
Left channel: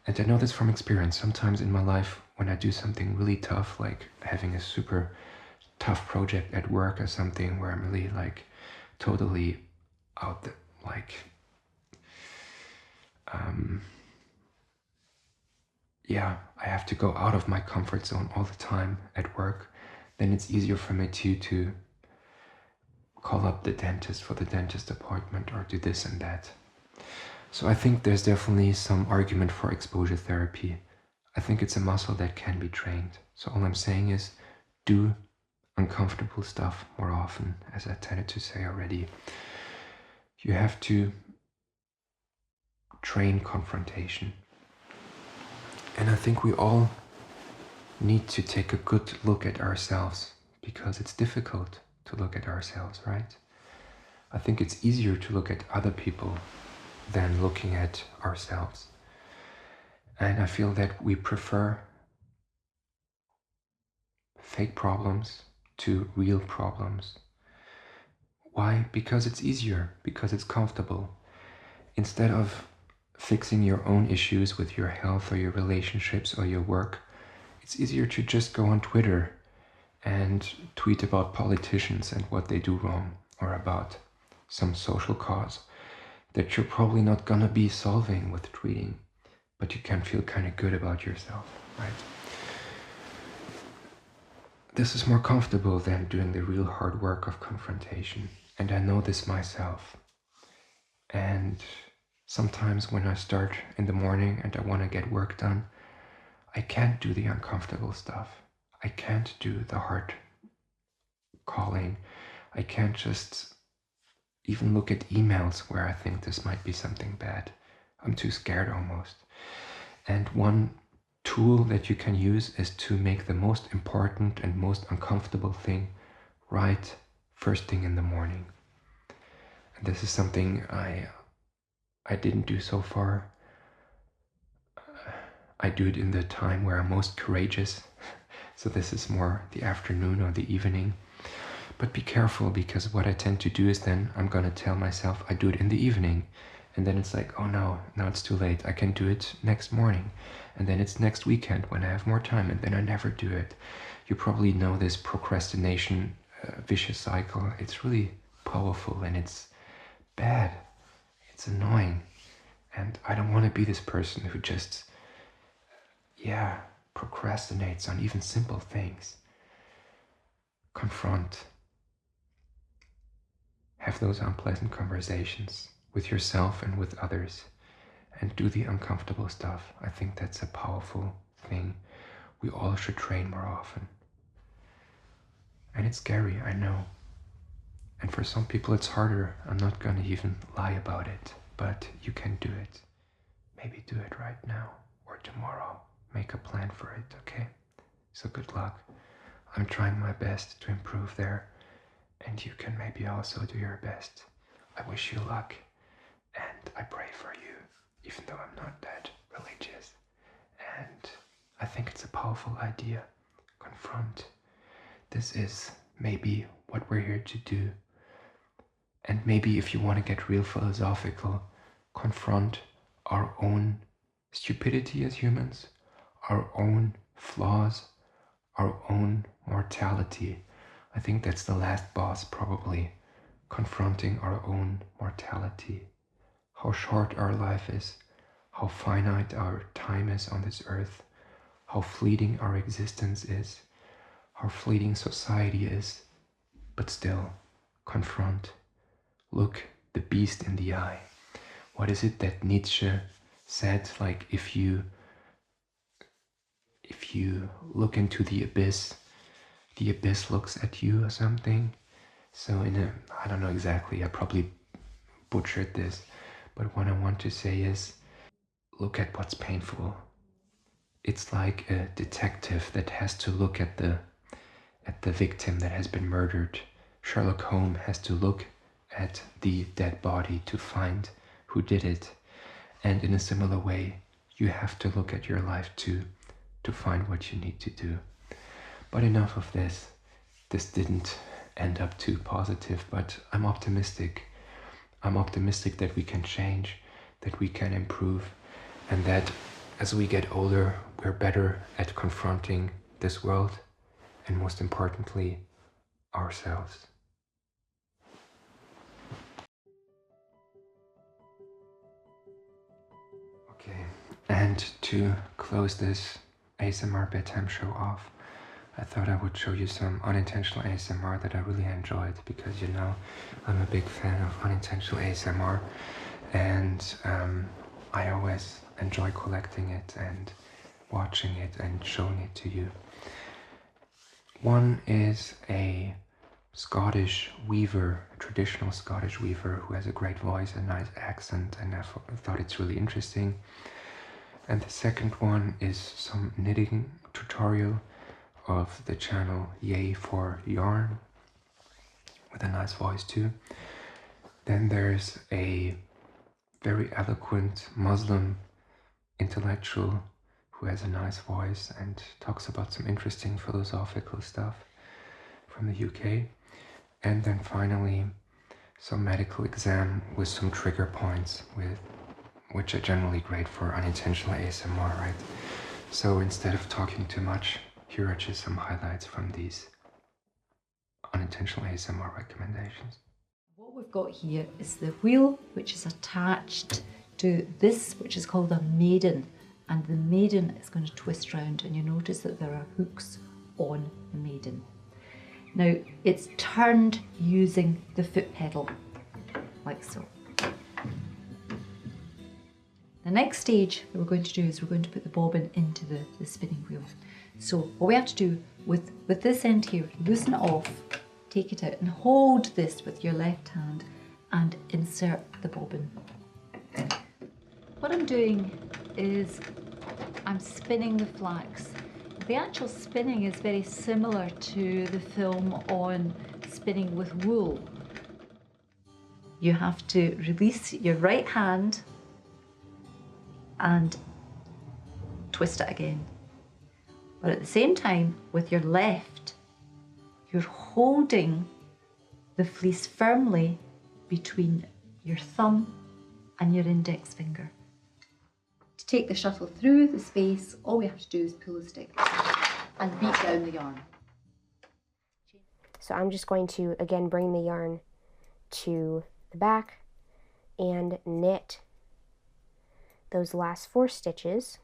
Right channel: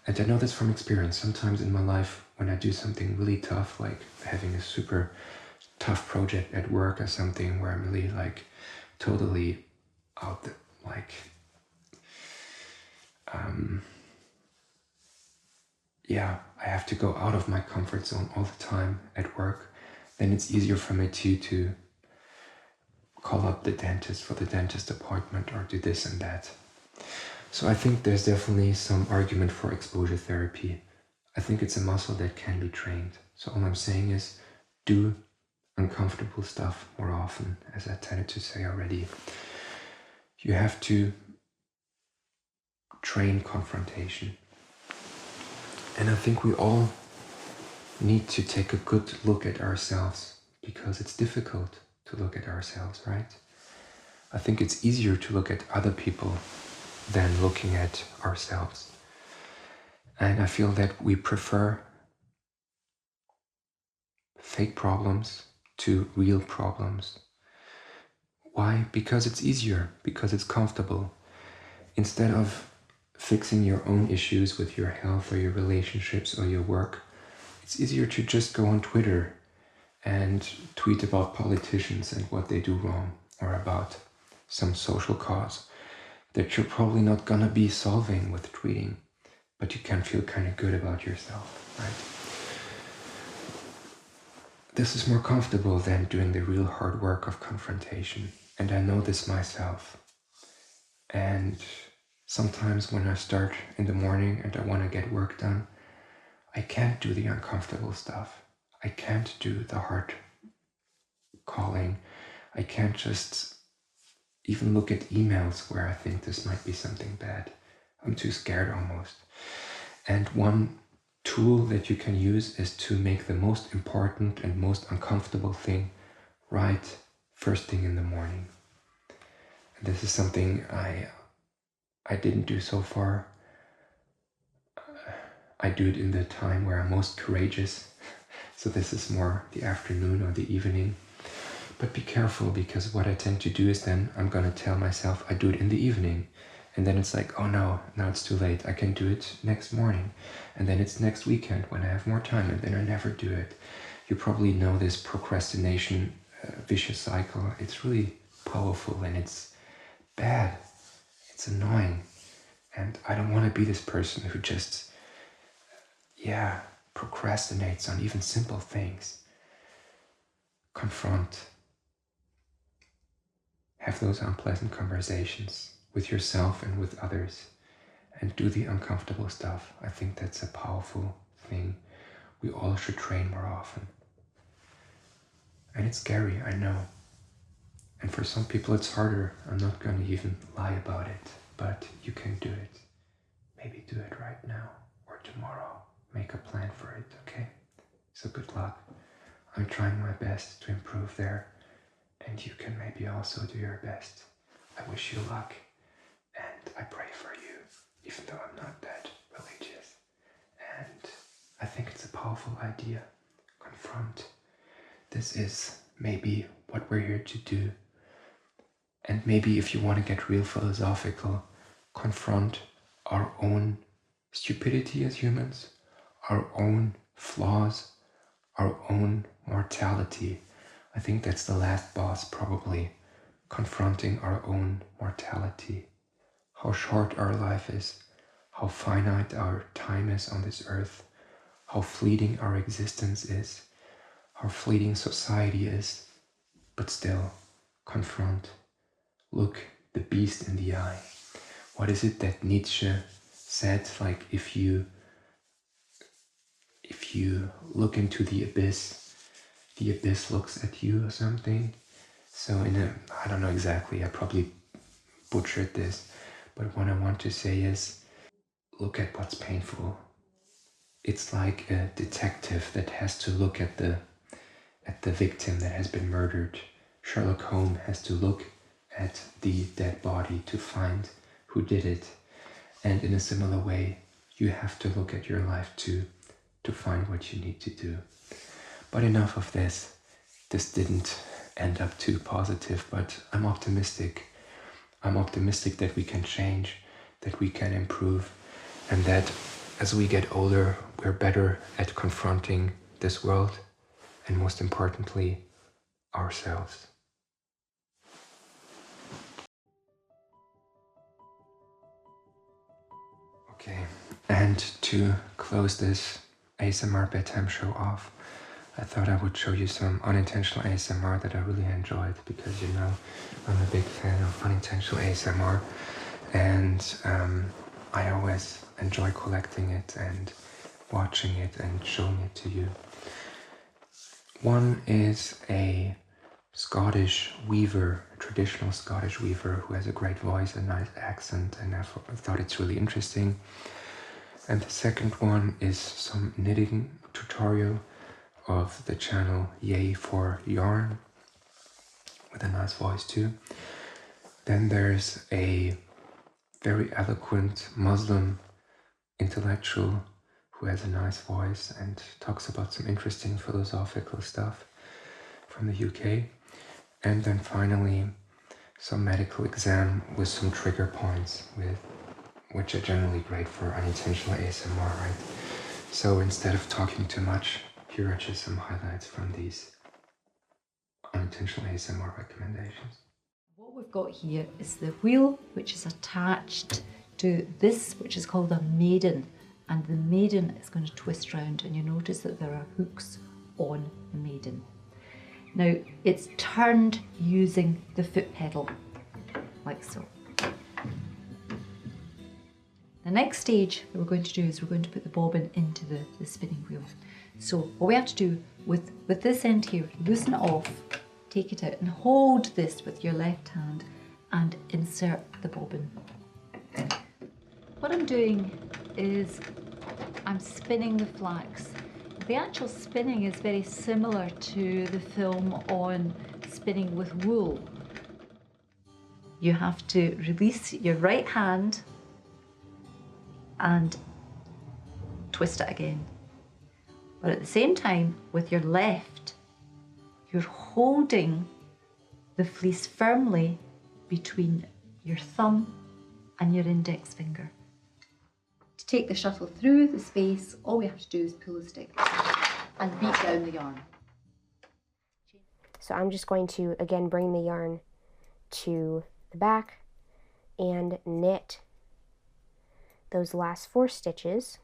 And I know this from experience. Sometimes in my life, when I do something really tough, like having a super tough project at work or something where I'm really like totally out there, like yeah, I have to go out of my comfort zone all the time at work, then it's easier for me to call up the dentist for the dentist appointment or do this and that. So I think there's definitely some argument for exposure therapy. I think it's a muscle that can be trained. So all I'm saying is do uncomfortable stuff more often, as I tended to say already. You have to train confrontation. And I think we all need to take a good look at ourselves, because it's difficult to look at ourselves, right? I think it's easier to look at other people than looking at ourselves. And I feel that we prefer fake problems to real problems. Why? Because it's easier, because it's comfortable. Instead of fixing your own issues with your health or your relationships or your work, it's easier to just go on Twitter and tweet about politicians and what they do wrong, or about some social cause that you're probably not gonna be solving with tweeting, but you can feel kind of good about yourself, right? This is more comfortable than doing the real hard work of confrontation, and I know this myself. And sometimes when I start in the morning and I want to get work done, I can't do the uncomfortable stuff. I can't do the hard calling. I can't just even look at emails where I think this might be something bad. I'm too scared almost. And one tool that you can use is to make the most important and most uncomfortable thing right first thing in the morning. And this is something I didn't do so far. I do it in the time where I'm most courageous. So this is more the afternoon or the evening. But be careful, because what I tend to do is then I'm gonna tell myself I do it in the evening. And then it's like, oh no, now it's too late. I can do it next morning. And then it's next weekend when I have more time, and then I never do it. You probably know this procrastination vicious cycle. It's really powerful and it's bad. It's annoying. And I don't want to be this person who just, procrastinates on even simple things. Confront. Have those unpleasant conversations with yourself and with others, and do the uncomfortable stuff. I think that's a powerful thing. We all should train more often. And it's scary, I know. And for some people it's harder. I'm not going to even lie about it, but you can do it. Maybe do it right now or tomorrow. Make a plan for it, okay? So good luck. I'm trying my best to improve there, and you can maybe also do your best. I wish you luck, and I pray for you, even though I'm not that religious. And I think it's a powerful idea. Confront. this is maybe what we're here to do. And maybe if you want to get real philosophical, confront our own stupidity as humans, our own flaws, our own mortality. I think that's the last boss, probably. Confronting our own mortality. How short our life is, how finite our time is on this earth, how fleeting our existence is, how fleeting society is, but still, confront. Look the beast in the eye. What is it that Nietzsche said? Like if you look into the abyss looks at you or something. So I don't know exactly, I probably butchered this, but what I want to say is, look at what's painful. It's like a detective that has to look at the victim that has been murdered. Sherlock Holmes has to look at the dead body to find who did it. And in a similar way, you have to look at your life too, to find what you need to do. But enough of this. This didn't end up too positive, but I'm optimistic. I'm optimistic that we can change, that we can improve, and that as we get older, we're better at confronting this world, and most importantly, ourselves. Okay, and to close this ASMR bedtime show off, I thought I would show you some unintentional ASMR that I really enjoyed, because you know I'm a big fan of unintentional ASMR, and I always enjoy collecting it and watching it and showing it to you. One is a Scottish weaver, a traditional Scottish weaver who has a great voice, a nice accent, and I thought it's really interesting. And the second one is some knitting tutorial of the channel Yay for Yarn, with a nice voice too. Then there's a very eloquent Muslim intellectual who has a nice voice and talks about some interesting philosophical stuff from the UK. And then finally, some medical exam with some trigger points, which are generally great for unintentional ASMR, right? So instead of talking too much, here are just some highlights from these unintentional ASMR recommendations. What we've got here is the wheel, which is attached to this, which is called a maiden, and the maiden is going to twist round, and you notice that there are hooks on the maiden. Now it's turned using the foot pedal, like so. The next stage that we're going to do is we're going to put the bobbin into the spinning wheel. So what we have to do with this end here, loosen it off, take it out and hold this with your left hand and insert the bobbin. What I'm doing is I'm spinning the flax. The actual spinning is very similar to the film on spinning with wool. You have to release your right hand and twist it again. But at the same time, with your left, you're holding the fleece firmly between your thumb and your index finger. To take the shuttle through the space, all we have to do is pull the stick and beat down the yarn. So I'm just going to, again, bring the yarn to the back and knit those last 4 stitches.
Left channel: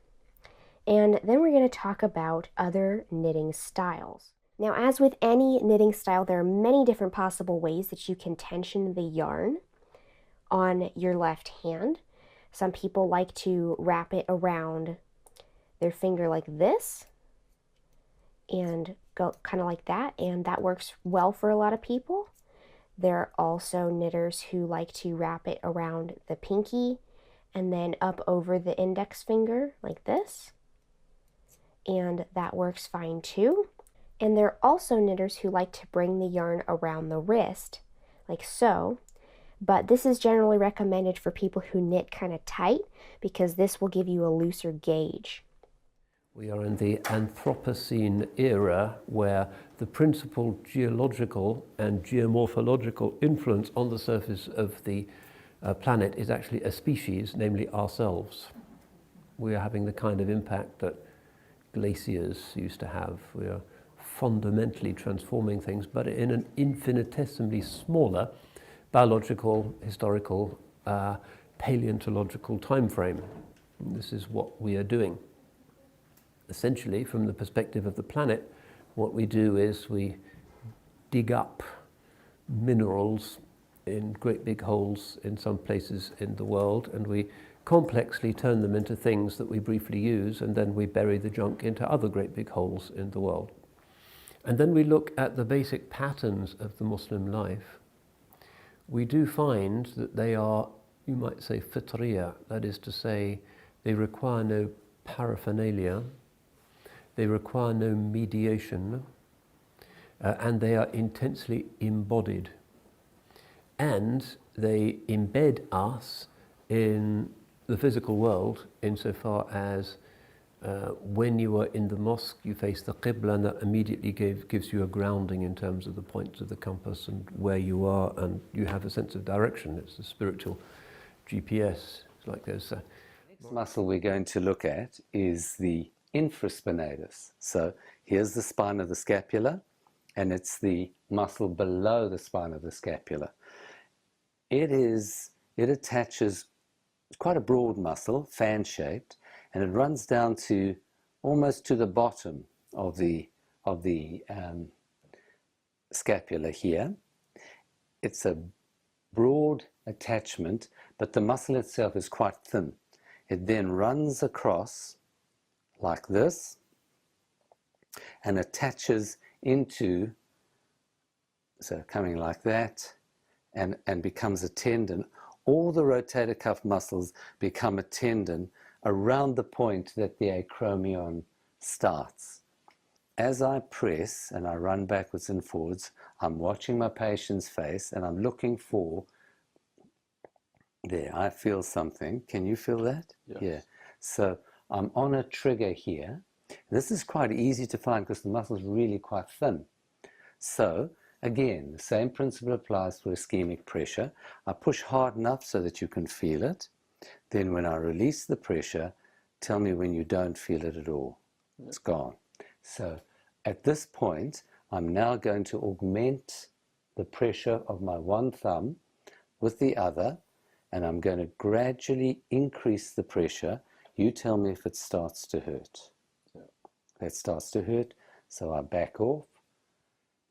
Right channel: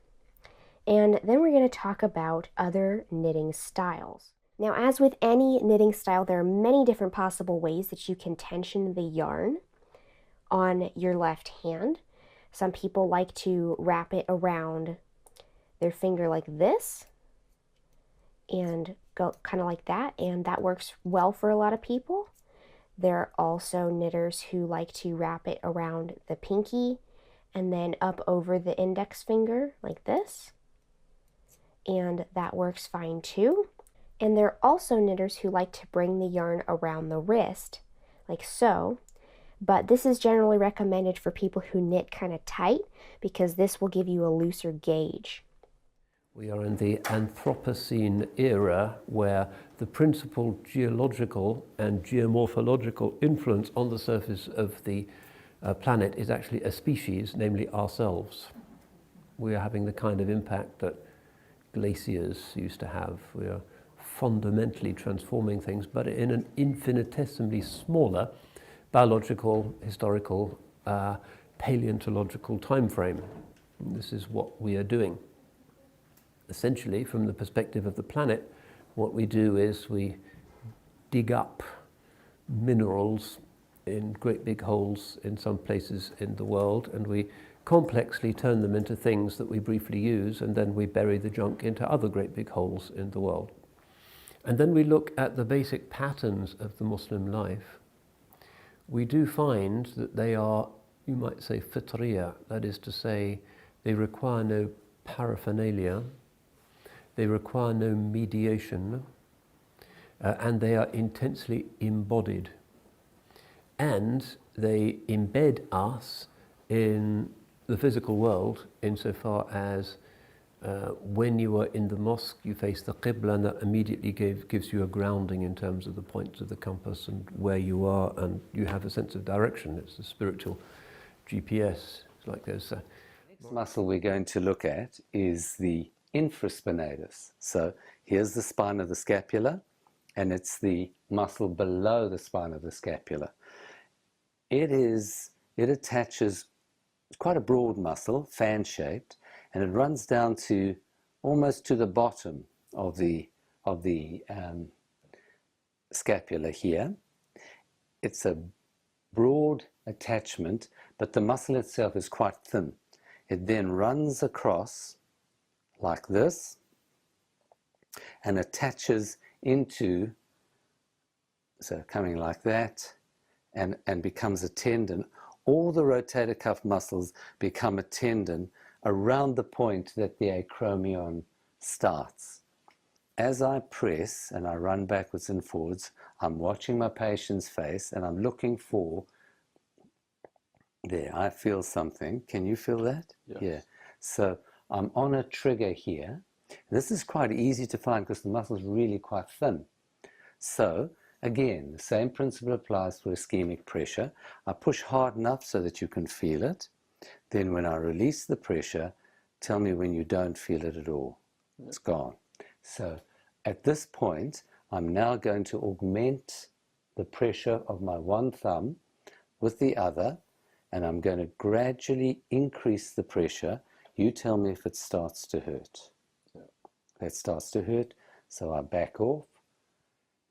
And then we're going to talk about other knitting styles. Now, as with any knitting style, there are many different possible ways that you can tension the yarn on your left hand. Some people like to wrap it around their finger like this and go kind of like that, and that works well for a lot of people. There are also knitters who like to wrap it around the pinky and then up over the index finger like this, and that works fine too. And there are also knitters who like to bring the yarn around the wrist like so, but this is generally recommended for people who knit kind of tight because this will give you a looser gauge. We are in the Anthropocene era, where the principal geological and geomorphological influence on the surface of the planet is actually a species, namely ourselves. We are having the kind of impact that glaciers used to have. We are fundamentally transforming things, but in an infinitesimally smaller biological, historical, paleontological time frame. And this is what we are doing. Essentially, from the perspective of the planet, what we do is we dig up minerals in great big holes in some places in the world, and we complexly turn them into things that we briefly use, and then we bury the junk into other great big holes in the world. And then we look at the basic patterns of the Muslim life. We do find that they are, you might say, fitriya, that is to say, they require no paraphernalia, they require no mediation, and they are intensely embodied. And they embed us in the physical world insofar as when you are in the mosque, you face the Qibla, and that immediately gives you a grounding in terms of the points of the compass and where you are, and you have a sense of direction. It's a spiritual GPS. It's like there's a... Next muscle we're going to look at is the infraspinatus. So here's the spine of the scapula, and it's the muscle below the spine of the scapula. It attaches, it's quite a broad muscle, fan-shaped, and it runs down to almost to the bottom of the scapula here. It's a broad attachment, but the muscle itself is quite thin. It then runs across like this and attaches into, so coming like that, and becomes a tendon. All the rotator cuff muscles become a tendon around the point that the acromion starts. As I press and I run backwards and forwards, I'm watching my patient's face and I'm looking for, there, I feel something. Can you feel that? Yes. Yeah. So I'm on a trigger here. This is quite easy to find because the muscle is really quite thin. So again, the same principle applies for ischemic pressure. I push hard enough so that you can feel it. Then when I release the pressure, tell me when you don't feel it at all. It's gone. So at this point, I'm now going to augment the pressure of my one thumb with the other, and I'm going to gradually increase the pressure. You tell me if it starts to hurt. It starts to hurt, so I back off.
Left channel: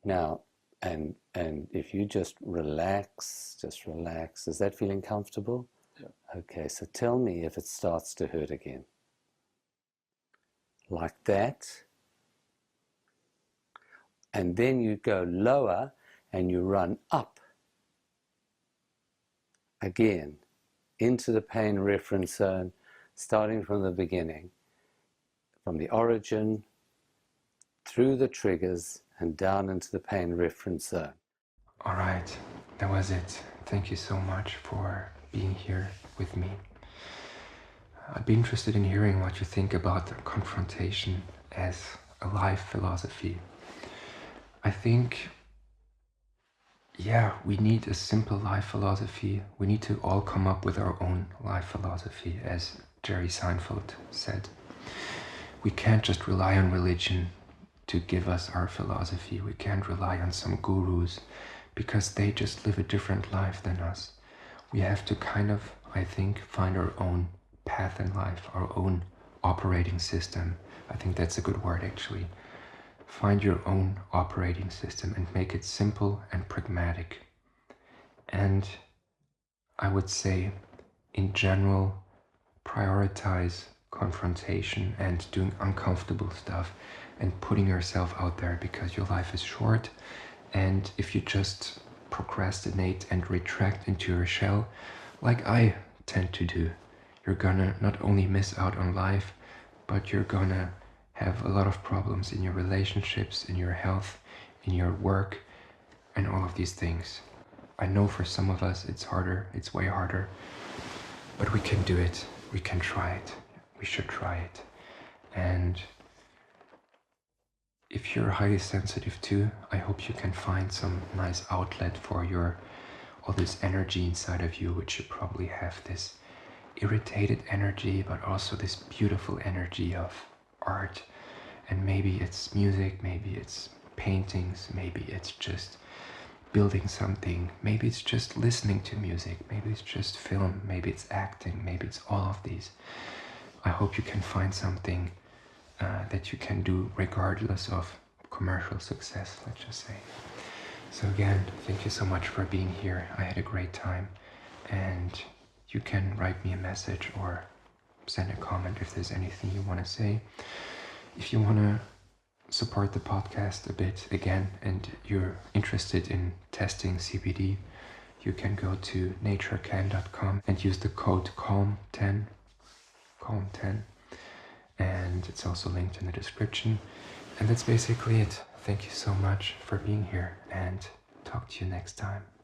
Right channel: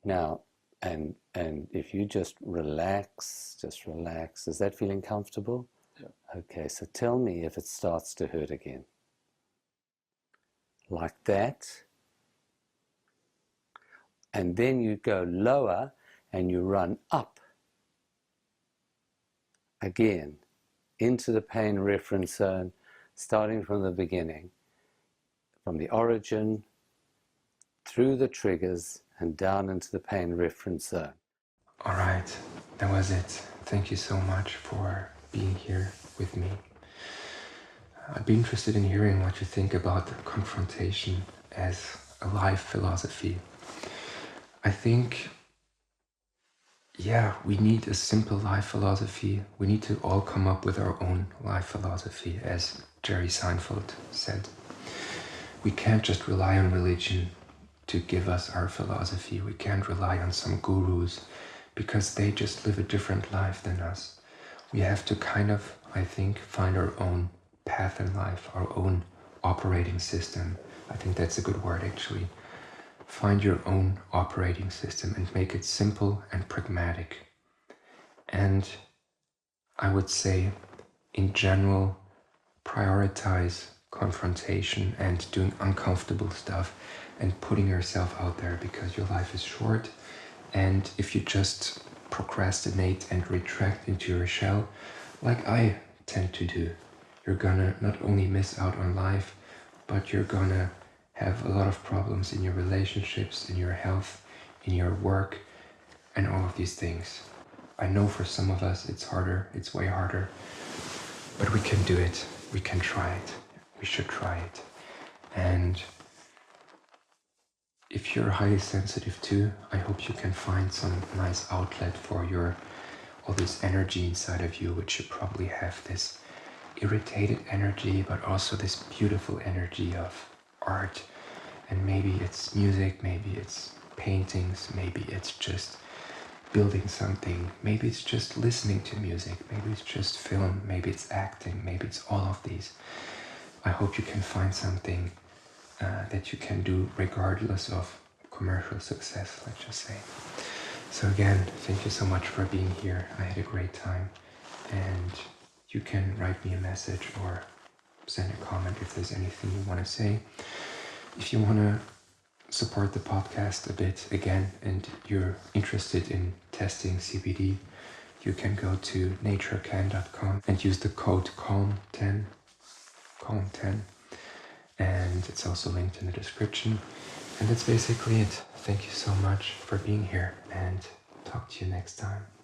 Now, and if you just relax, is that feeling comfortable? Yeah. Okay, so tell me if it starts to hurt again. Like that. And then you go lower and you run up again into the pain reference zone, starting from the beginning, from the origin, through the triggers, and down into the pain reference zone. All right, that was it. Thank you so much for being here with me. I'd be interested in hearing what you think about the confrontation as a life philosophy. I think, yeah, we need a simple life philosophy. We need to all come up with our own life philosophy, as Jerry Seinfeld said. We can't just rely on religion to give us our philosophy. We can't rely on some gurus because they just live a different life than us. We have to kind of, I think, find our own path in life, our own operating system. I think that's a good word, actually. Find your own operating system and make it simple and pragmatic. And I would say, in general, prioritize confrontation and doing uncomfortable stuff and putting yourself out there, because your life is short, and if you just procrastinate and retract into your shell, like I tend to do, you're gonna not only miss out on life, but you're gonna have a lot of problems in your relationships, in your health, in your work, and all of these things. I know for some of us it's harder, it's way harder, but we can do it. We can try it. We should try it. And if you're highly sensitive too, I hope you can find some nice outlet for all this energy inside of you, which you probably have this irritated energy, but also this beautiful energy of art. And maybe it's music, maybe it's paintings, maybe it's just building something, maybe it's just listening to music, maybe it's just film, maybe it's acting, maybe it's all of these. I hope you can find something that you can do regardless of commercial success, let's just say. So again, thank you so much for being here. I had a great time, and you can write me a message or send a comment if there's anything you want to say. If you want to support the podcast a bit again and you're interested in testing CBD, you can go to naturecan.com and use the code CALM10, and it's also linked in the description. And that's basically it. Thank you so much for being here, and talk to you next time.